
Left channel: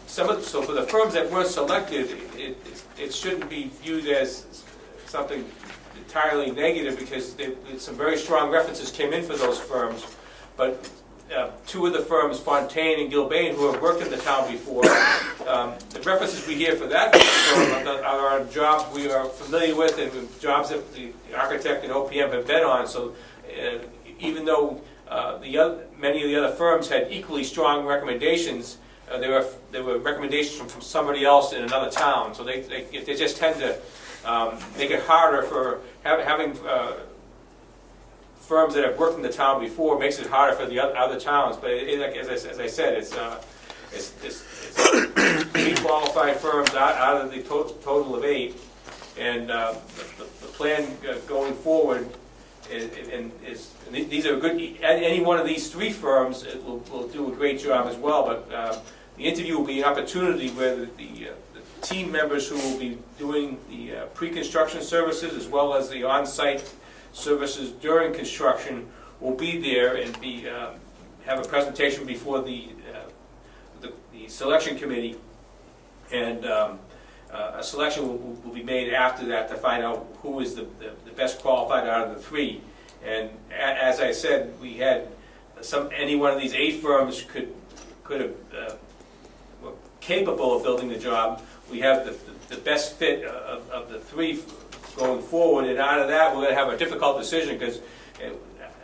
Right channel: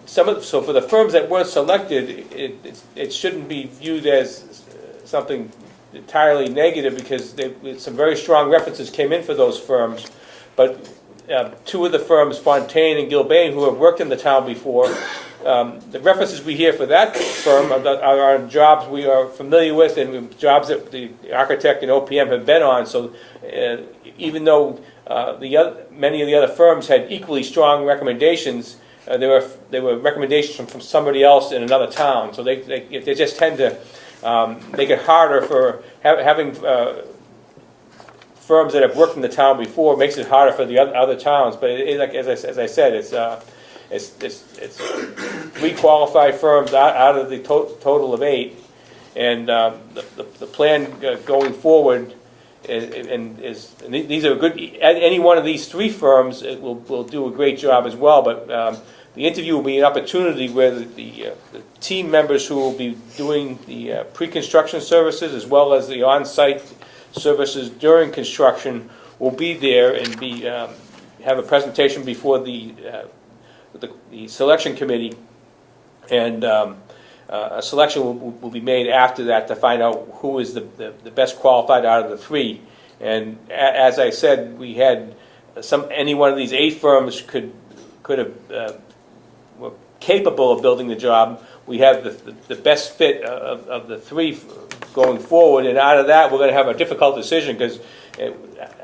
so for the firms that weren't selected, it shouldn't be viewed as something entirely negative, because some very strong references came in for those firms. But 2 of the firms, Fontaine and Gilbane, who have worked in the town before, the references we hear for that firm are on jobs we are familiar with, and jobs that the architect and OPM have been on. So even though many of the other firms had equally strong recommendations, there were recommendations from somebody else in another town. So they just tend to make it harder for having firms that have worked in the town before. Makes it harder for the other towns. But as I said, it's 3 qualified firms out of the total of 8, and the plan going forward is these are good. Any one of these 3 firms will do a great job as well. But the interview will be an opportunity where the team members who will be doing the pre-construction services, as well as the on-site services during construction, will be there and have a presentation before the selection committee, and a selection will be made after that to find out who is the best qualified out of the 3. And as I said, we had any one of these 8 firms could have were capable of building the job. We have the best fit of the 3 going forward, and out of that we're going to have a difficult decision, because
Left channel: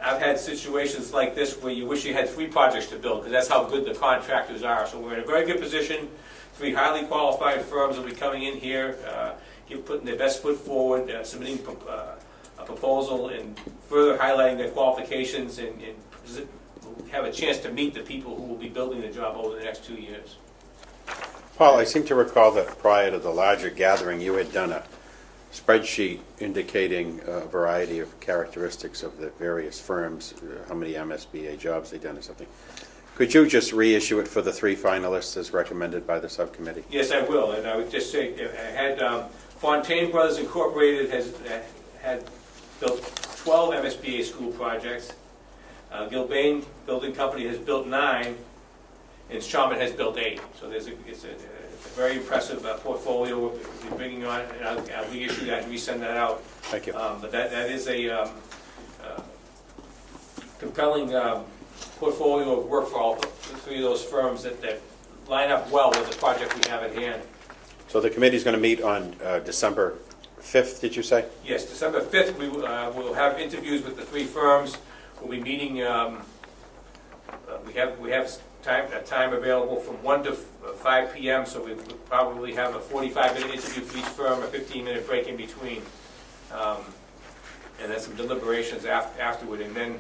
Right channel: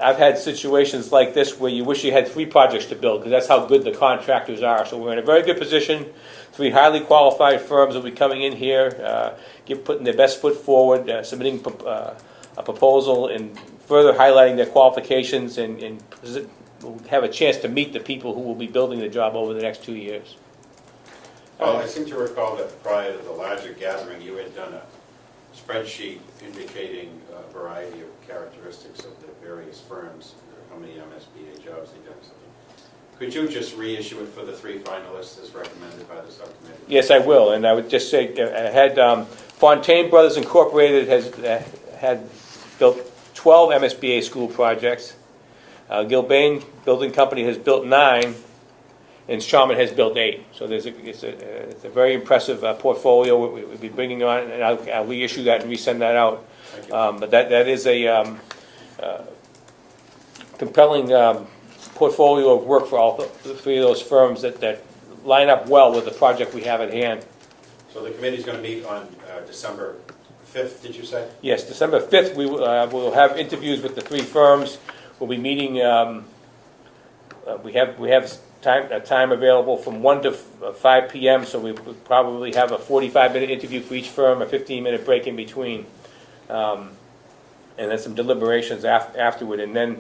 I've had situations like this where you wish you had 3 projects to build, because that's how good the contractors are. So we're in a very good position. 3 highly qualified firms will be coming in here, putting their best foot forward, submitting a proposal, and further highlighting their qualifications, and we'll have a chance to meet the people who will be building the job over the next 2 years. Paul, I seem to recall that prior to the larger gathering, you had done a spreadsheet indicating a variety of characteristics of the various firms, how many MSBA jobs they've done or something. Could you just reissue it for the 3 finalists as recommended by the subcommittee? Yes, I will. And I would just say, I had Fontaine Brothers Incorporated had built 12 MSBA school projects. Gilbane Building Company has built 9, and Sharman has built 8. So it's a very impressive portfolio we'll be bringing on, and I'll reissue that and resend that out. Thank you. But that is a compelling portfolio of work for all 3 of those firms that line up well with the project we have at hand. So the committee's going to meet on December 5th, did you say? Yes, December 5th, we will have interviews with the 3 firms. We'll be meeting, we have time available from 1 to 5 p.m., so we will probably have a 45-minute interview for each firm, a 15-minute break in between, and then some deliberations afterward. And then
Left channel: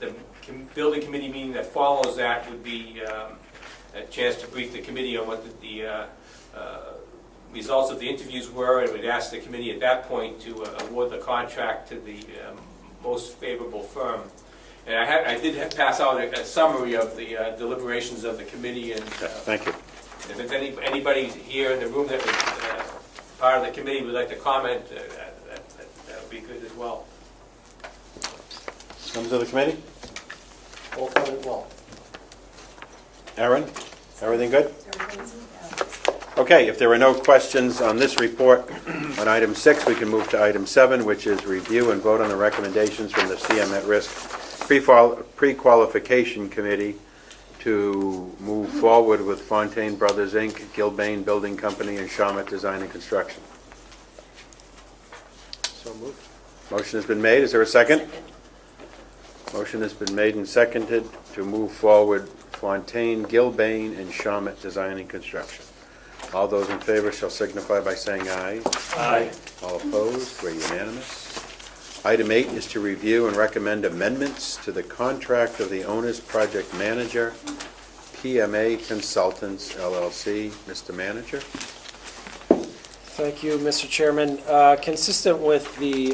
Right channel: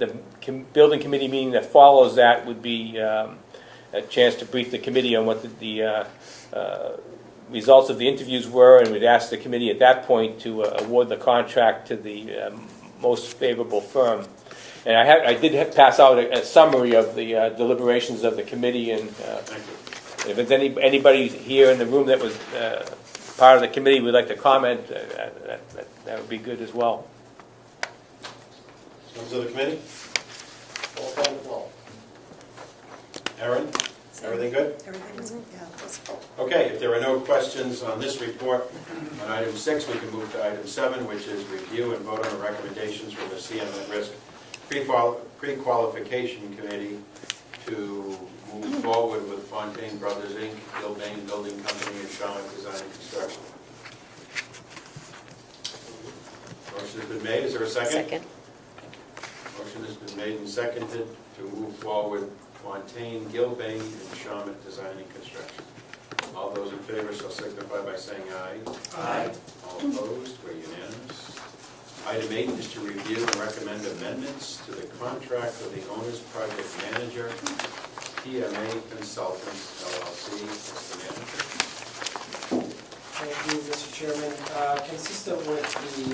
the building committee meeting that follows that would be a chance to brief the committee on what the results of the interviews were, and we'd ask the committee at that point to award the contract to the most favorable firm. And I did pass out a summary of the deliberations of the committee, and Thank you. if there's anybody here in the room that was part of the committee would like to comment, that would be good as well. Members of the committee? All voted well. Aaron, everything good? Okay, if there are no questions on this report, on item 6, we can move to item 7, which is review and vote on the recommendations from the CM at Risk Pre-Qualification Committee to move forward with Fontaine Brothers, Inc., Gilbane Building Company, and Shawmut Design and Construction. So moved. Motion has been made. Is there a second? Second. Motion has been made and seconded to move forward Fontaine, Gilbane, and Shawmut Design and Construction. All those in favor shall signify by saying aye. Aye. All opposed, we're unanimous. Item 8 is to review and recommend amendments to the contract of the owner's project manager, PMA Consultants LLC. Mr. Manager? Thank you, Mr. Chairman. Consistent with the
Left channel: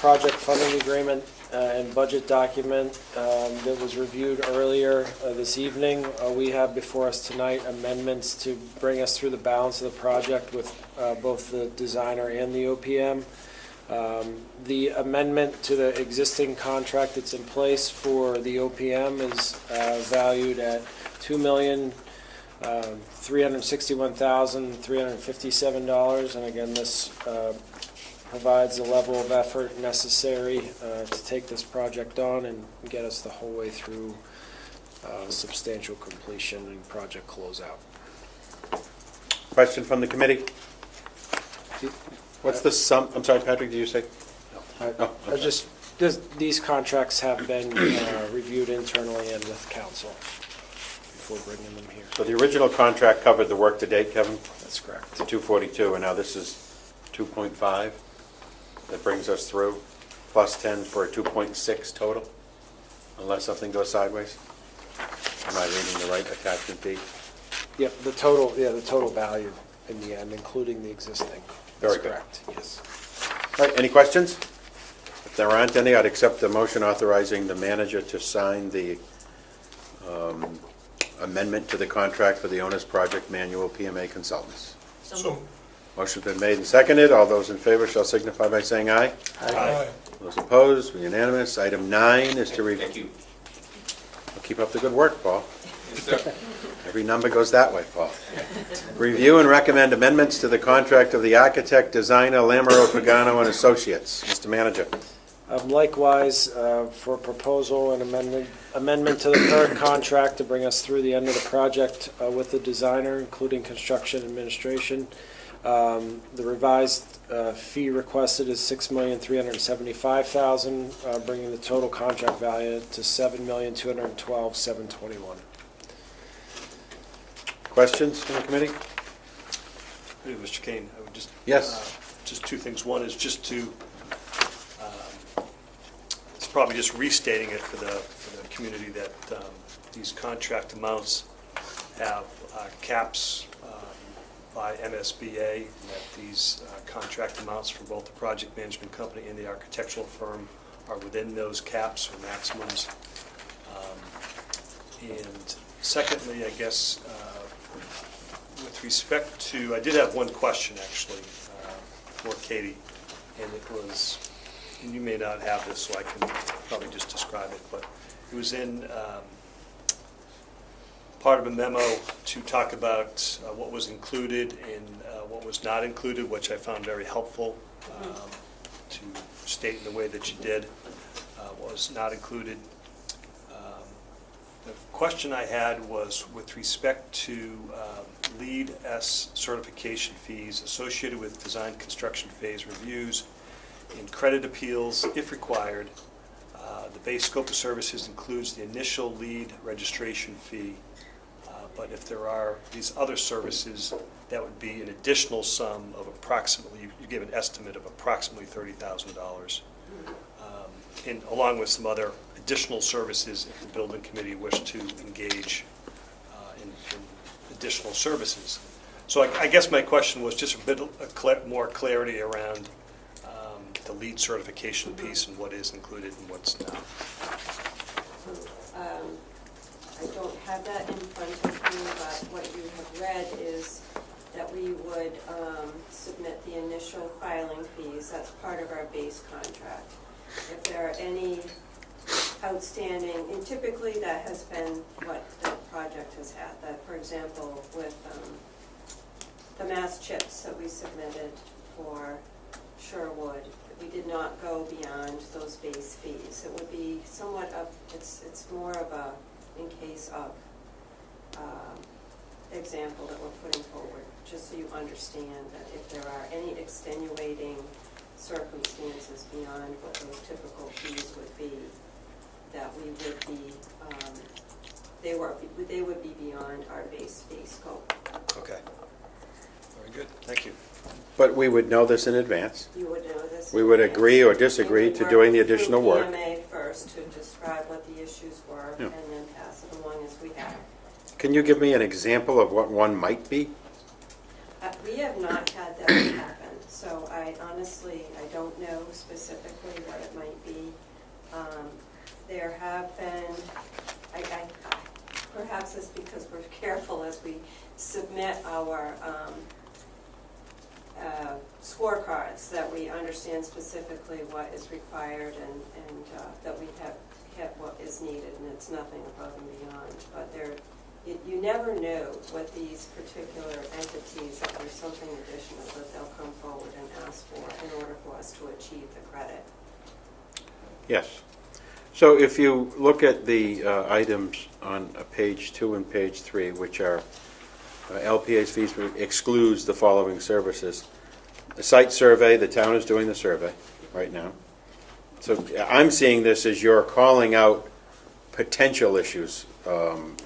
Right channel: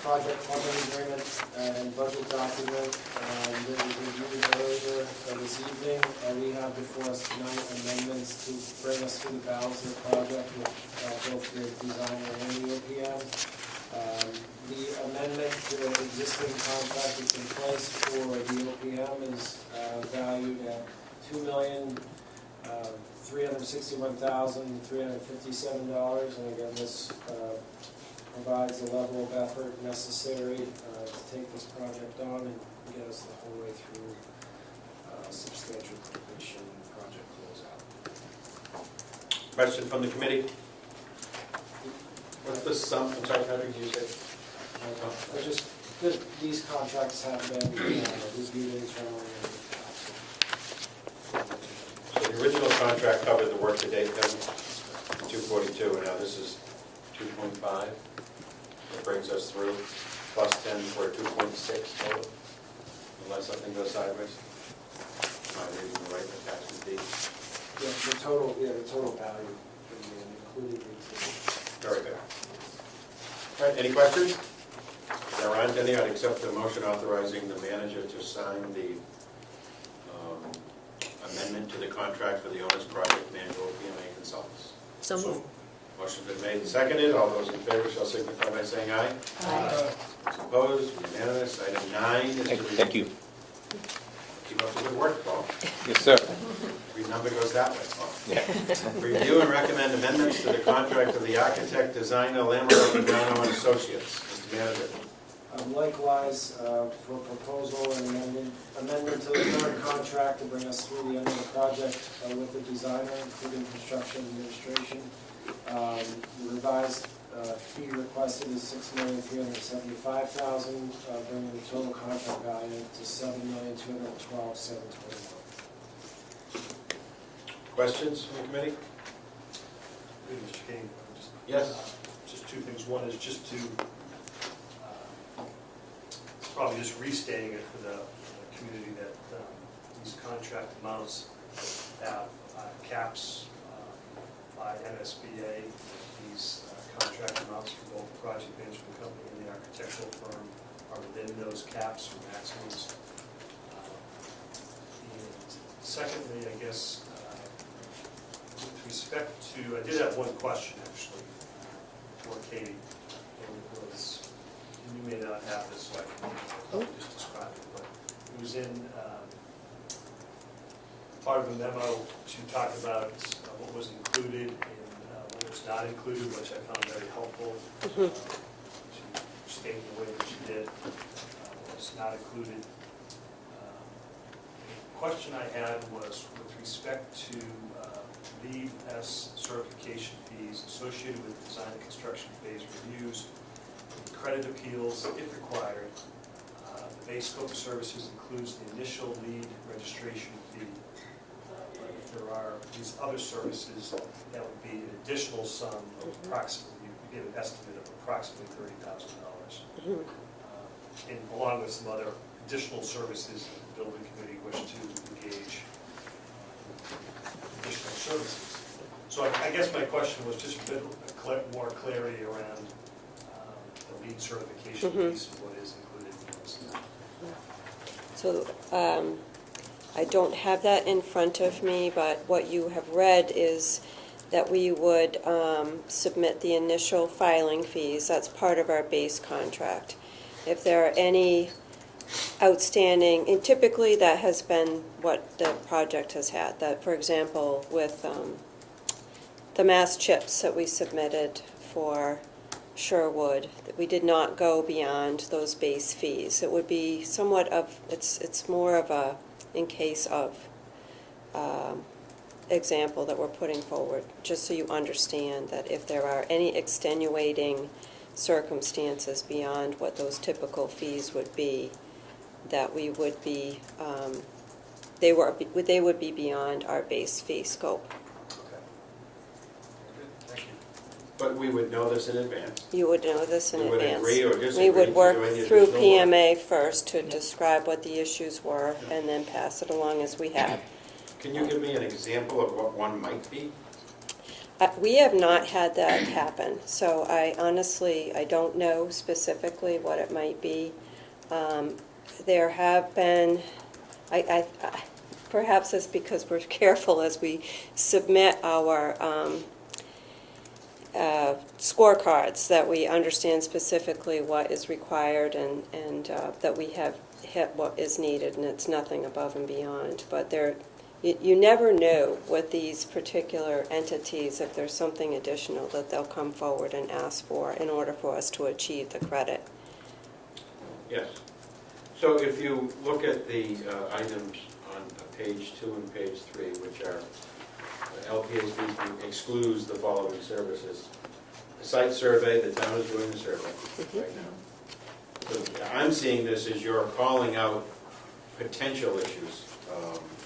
project funding agreement and budget document that was reviewed earlier this evening, we have before us tonight amendments to bring us through the balance of the project with both the designer and the OPM. The amendment to the existing contract that's in place for the OPM is valued at $2,361,357, and again, this provides the level of effort necessary to take this project on and get us the whole way through substantial completion and project closeout. Question from the committee? What's the sum, I'm sorry, Patrick, did you say? Oh, okay. These contracts have been reviewed internally and with council before bringing them here. So the original contract covered the work to date, Kevin? That's correct. To 242, and now this is 2.5. That brings us through, plus 10 for a 2.6 total, unless something goes sideways. Am I reading the right attachment B? Yeah, the total value in the end, including the existing. Very That's good. correct, yes. All right, any questions? If there aren't any, I'd accept the motion authorizing the manager to sign the amendment to the contract for the owner's project manual PMA Consultants. So, Motion's been made and seconded. All those in favor shall signify by saying aye. aye. Those opposed, unanimous. Item 9 is to review. Thank you. Keep up the good work, Paul. Yes, sir. Every number goes that way, Paul. Review and recommend amendments to the contract of the architect, designer, Lamoureux, Pagano and Associates. Mr. Manager. Likewise, for proposal and amendment to the current contract to bring us through the end of the project with the designer, including construction administration. The revised fee requested is $6,375,000, bringing the total contract value to $7,212,721. Questions from the committee? Hey, Mr. Kane, I would just. Yes. Just two things. One is just to, it's probably just restating it for the community that these contract amounts have caps by MSBA, that these contract amounts for both the project management company and the architectural firm are within those caps or maximums. And secondly, I guess, with respect to, I did have one question actually for Katie, and it was, and you may not have this, so I can probably just describe it, but it was in part of a memo to talk about what was included and what was not included, which I found very helpful to state in the way that you did what was not included. The question I had was with respect to LEED S certification fees associated with design construction phase reviews and credit appeals, if required. The base scope of services includes the initial LEED registration fee, but if there are these other services, that would be an additional sum of approximately, you gave an estimate of approximately $30,000. And along with some other additional services, the building committee wished to engage in additional services. So I guess my question was just a bit more clarity around the LEED certification piece and what is included and what's not. So I don't have that in front of me, but what you have read is that we would submit the initial filing fees. That's part of our base contract. If there are any outstanding, and typically that has been what the project has had, that for example with the mass chips that we submitted for Sherwood, we did not go beyond those base fees. It would be somewhat of, it's more of a in case of example that we're putting forward, just so you understand that if there are any extenuating circumstances beyond what those typical fees would be, that we would be they would be beyond our base fee scope. Okay. Very good, thank you. But we would know this in advance. You would know this in We would advance. agree or disagree to doing the additional We would work. work through PMA first to describe what the issues were, Yeah. and then pass it along as we have. Can you give me an example of what one might be? We have not had that happen, so I honestly, I don't know specifically what it might be. There have been, perhaps it's because we're careful as we submit our scorecards, that we understand specifically what is required and that we have hit what is needed, and it's nothing above and beyond. But you never know with these particular entities if there's something additional that they'll come forward and ask for in order for us to achieve the credit. Yes. So if you look at the items on page 2 and page 3, which are LPA's fees excludes the following services. The site survey, the town is doing the survey right now. So I'm seeing this as you're calling out potential issues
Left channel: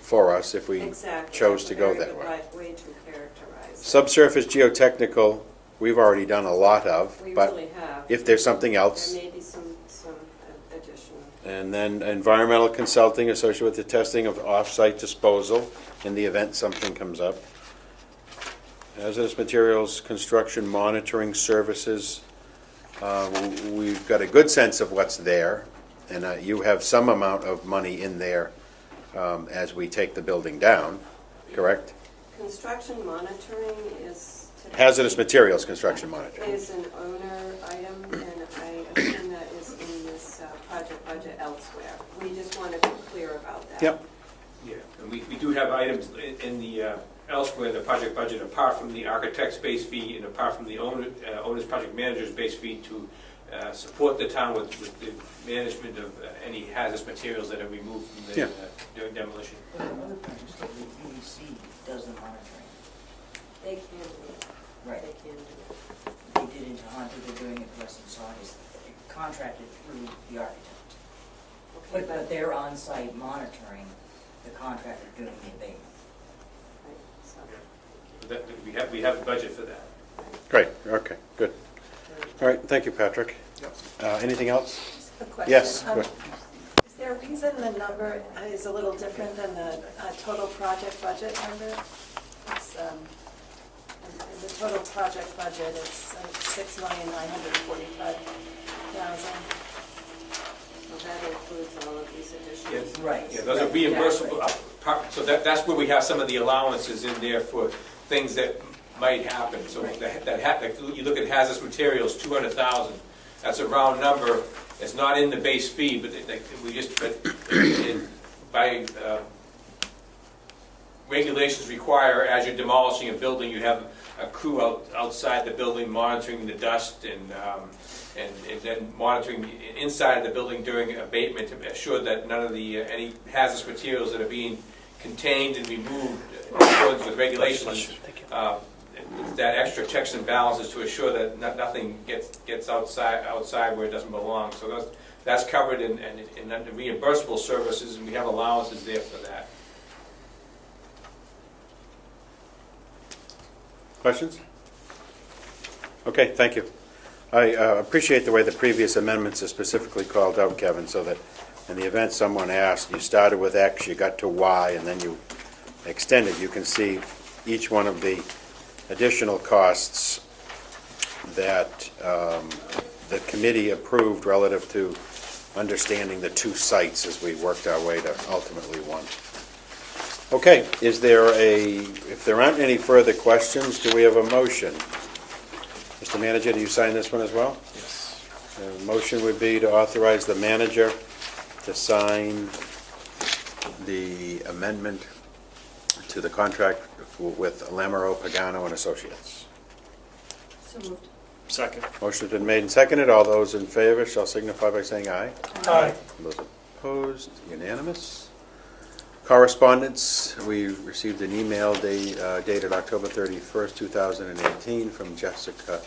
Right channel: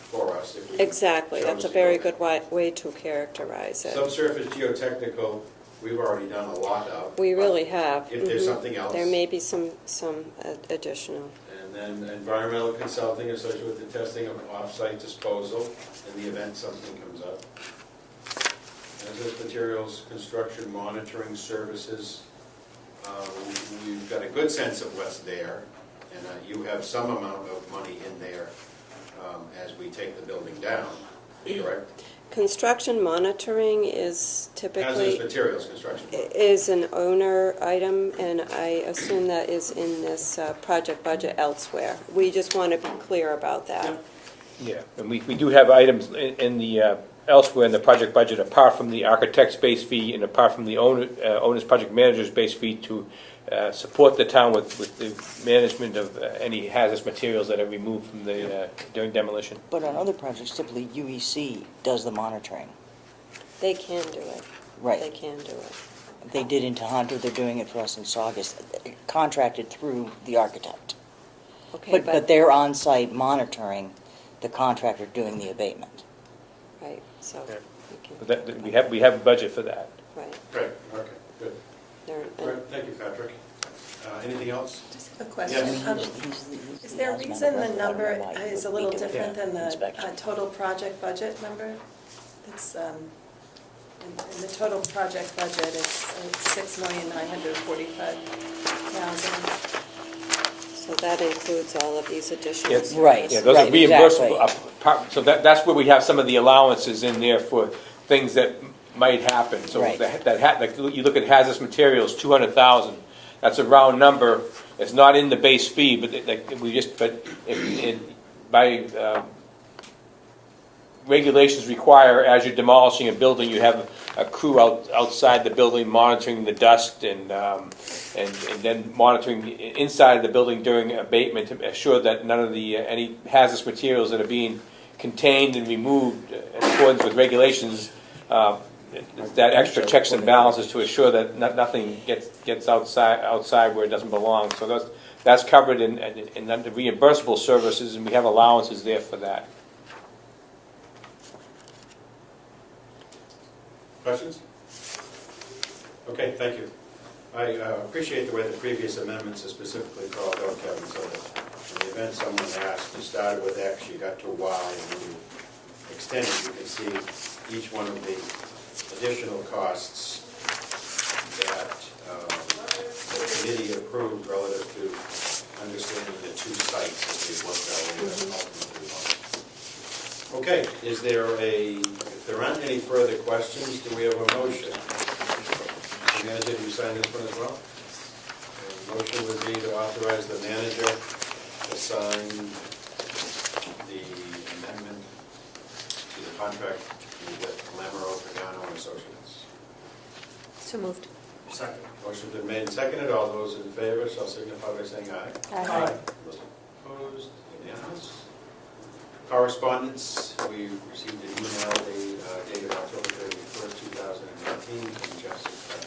for us if we Exactly, chose that's a to go very that good way to characterize it. Subsurface geotechnical, we've already done a lot of. We but really have. If there's Mhm. something else. There may be some additional. And then environmental consulting associated with the testing of off-site disposal in the event something comes up. Hazardous materials, construction monitoring services. We've got a good sense of what's there, and you have some amount of money in there as we take the building down, correct? Construction monitoring is typically. Hazardous materials construction monitoring. Is an owner item, and I assume that is in this project budget elsewhere. We just want to be clear about that. Yep. Yeah, and we do have items in the, elsewhere in the project budget, apart from the architect's base fee and apart from the owner's project manager's base fee, to support the town with the management of any hazardous materials that are removed from the, Yeah. during demolition. But on other projects, typically UEC does the monitoring. They can do it. Right. They can do it. They did in Tohoto, they're doing it for us in Saugus, contracted through the architect. Okay, But they're on-site monitoring the contractor doing the abatement. right, so, Yeah. we can, That, we have a budget for that. right. Great, okay, good. They're- All right, thank you, Patrick. Anything else? A question. Yes, Um, good. Is there a reason the number is a little different than the total project budget number? It's, in the total project budget, it's $6,945,000. So that includes all of these additional. Yes. Right. Yeah, those are right, reimbursable, exactly. so that's where we have some of the allowances in there for things that might happen. So Right. like you look at hazardous materials, 200,000, that's a round number. It's not in the base fee, but by regulations require, as you're demolishing a building, you have a crew outside the building monitoring the dust and then monitoring inside of the building during abatement to assure that none of the any hazardous materials that are being contained and removed in accordance with regulations. That extra checks and balances to assure that nothing gets outside where it doesn't belong. So that's covered in the reimbursable services, and we have allowances there for that. Questions? Okay, thank you. I appreciate the way the previous amendments are specifically called out, Kevin, so that in the event someone asks, you started with X, you got to Y, and then you extended, you can see each one of the additional costs that the committee approved relative to understanding the two sites as we worked our way to ultimately one. Okay, if there aren't any further questions, do we have a motion? Mr. Manager, do you sign this one as well? The motion would be to authorize the manager to sign the amendment to the contract with Lamoureux, Pagano and Associates. So moved. Second. Motion's been made and seconded. All those in favor shall signify by saying aye. Aye. Those opposed, unanimous. Correspondence, we received an email dated October 31st, 2018 from Jessica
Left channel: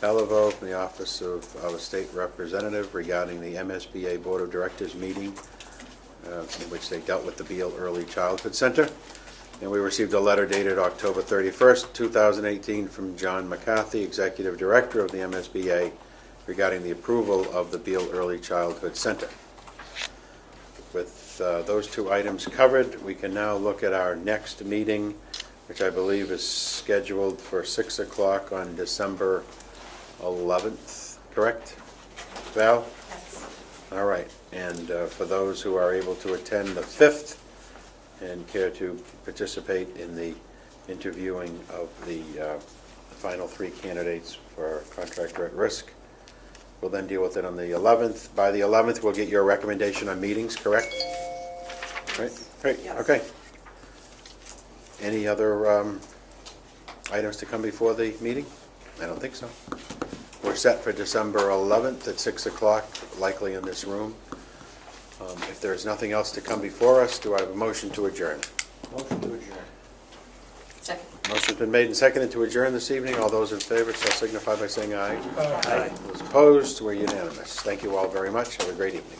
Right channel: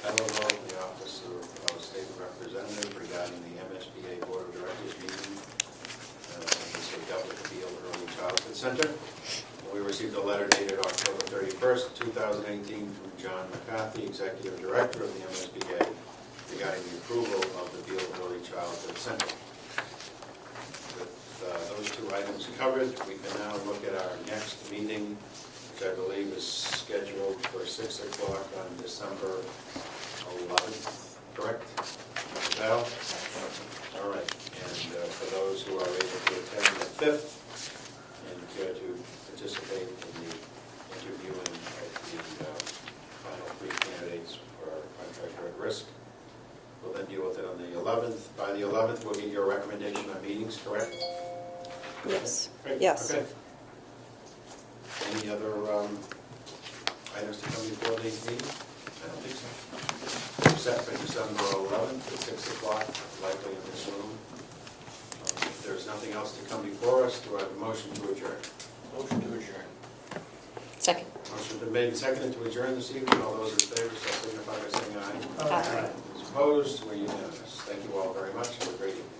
Belleville from the Office of our State Representative regarding the MSBA Board of Directors meeting in which they dealt with the Beal Early Childhood Center. And we received a letter dated October 31st, 2018 from John McCarthy, Executive Director of the MSBA, regarding the approval of the Beal Early Childhood Center. With those two items covered, we can now look at our next meeting, which I believe is scheduled for 6 o'clock on December 11th, correct? Val? All right, and for those who are able to attend the 5th and care to participate in the interviewing of the final 3 candidates for our contractor at risk, we'll then deal with it on the 11th. By the 11th, we'll get your recommendation on meetings, correct? Yes. Great, Yes. okay. Any other items to come before the meeting? I don't think so. We're set for December 11th at 6 o'clock, likely in this room. If there's nothing else to come before us, do I have a motion to adjourn? Motion to adjourn. Second. Motion's been made and seconded to adjourn this evening. All those in favor shall signify by saying aye. Aye. Those opposed, we're unanimous. Thank you all very much. Have a great evening.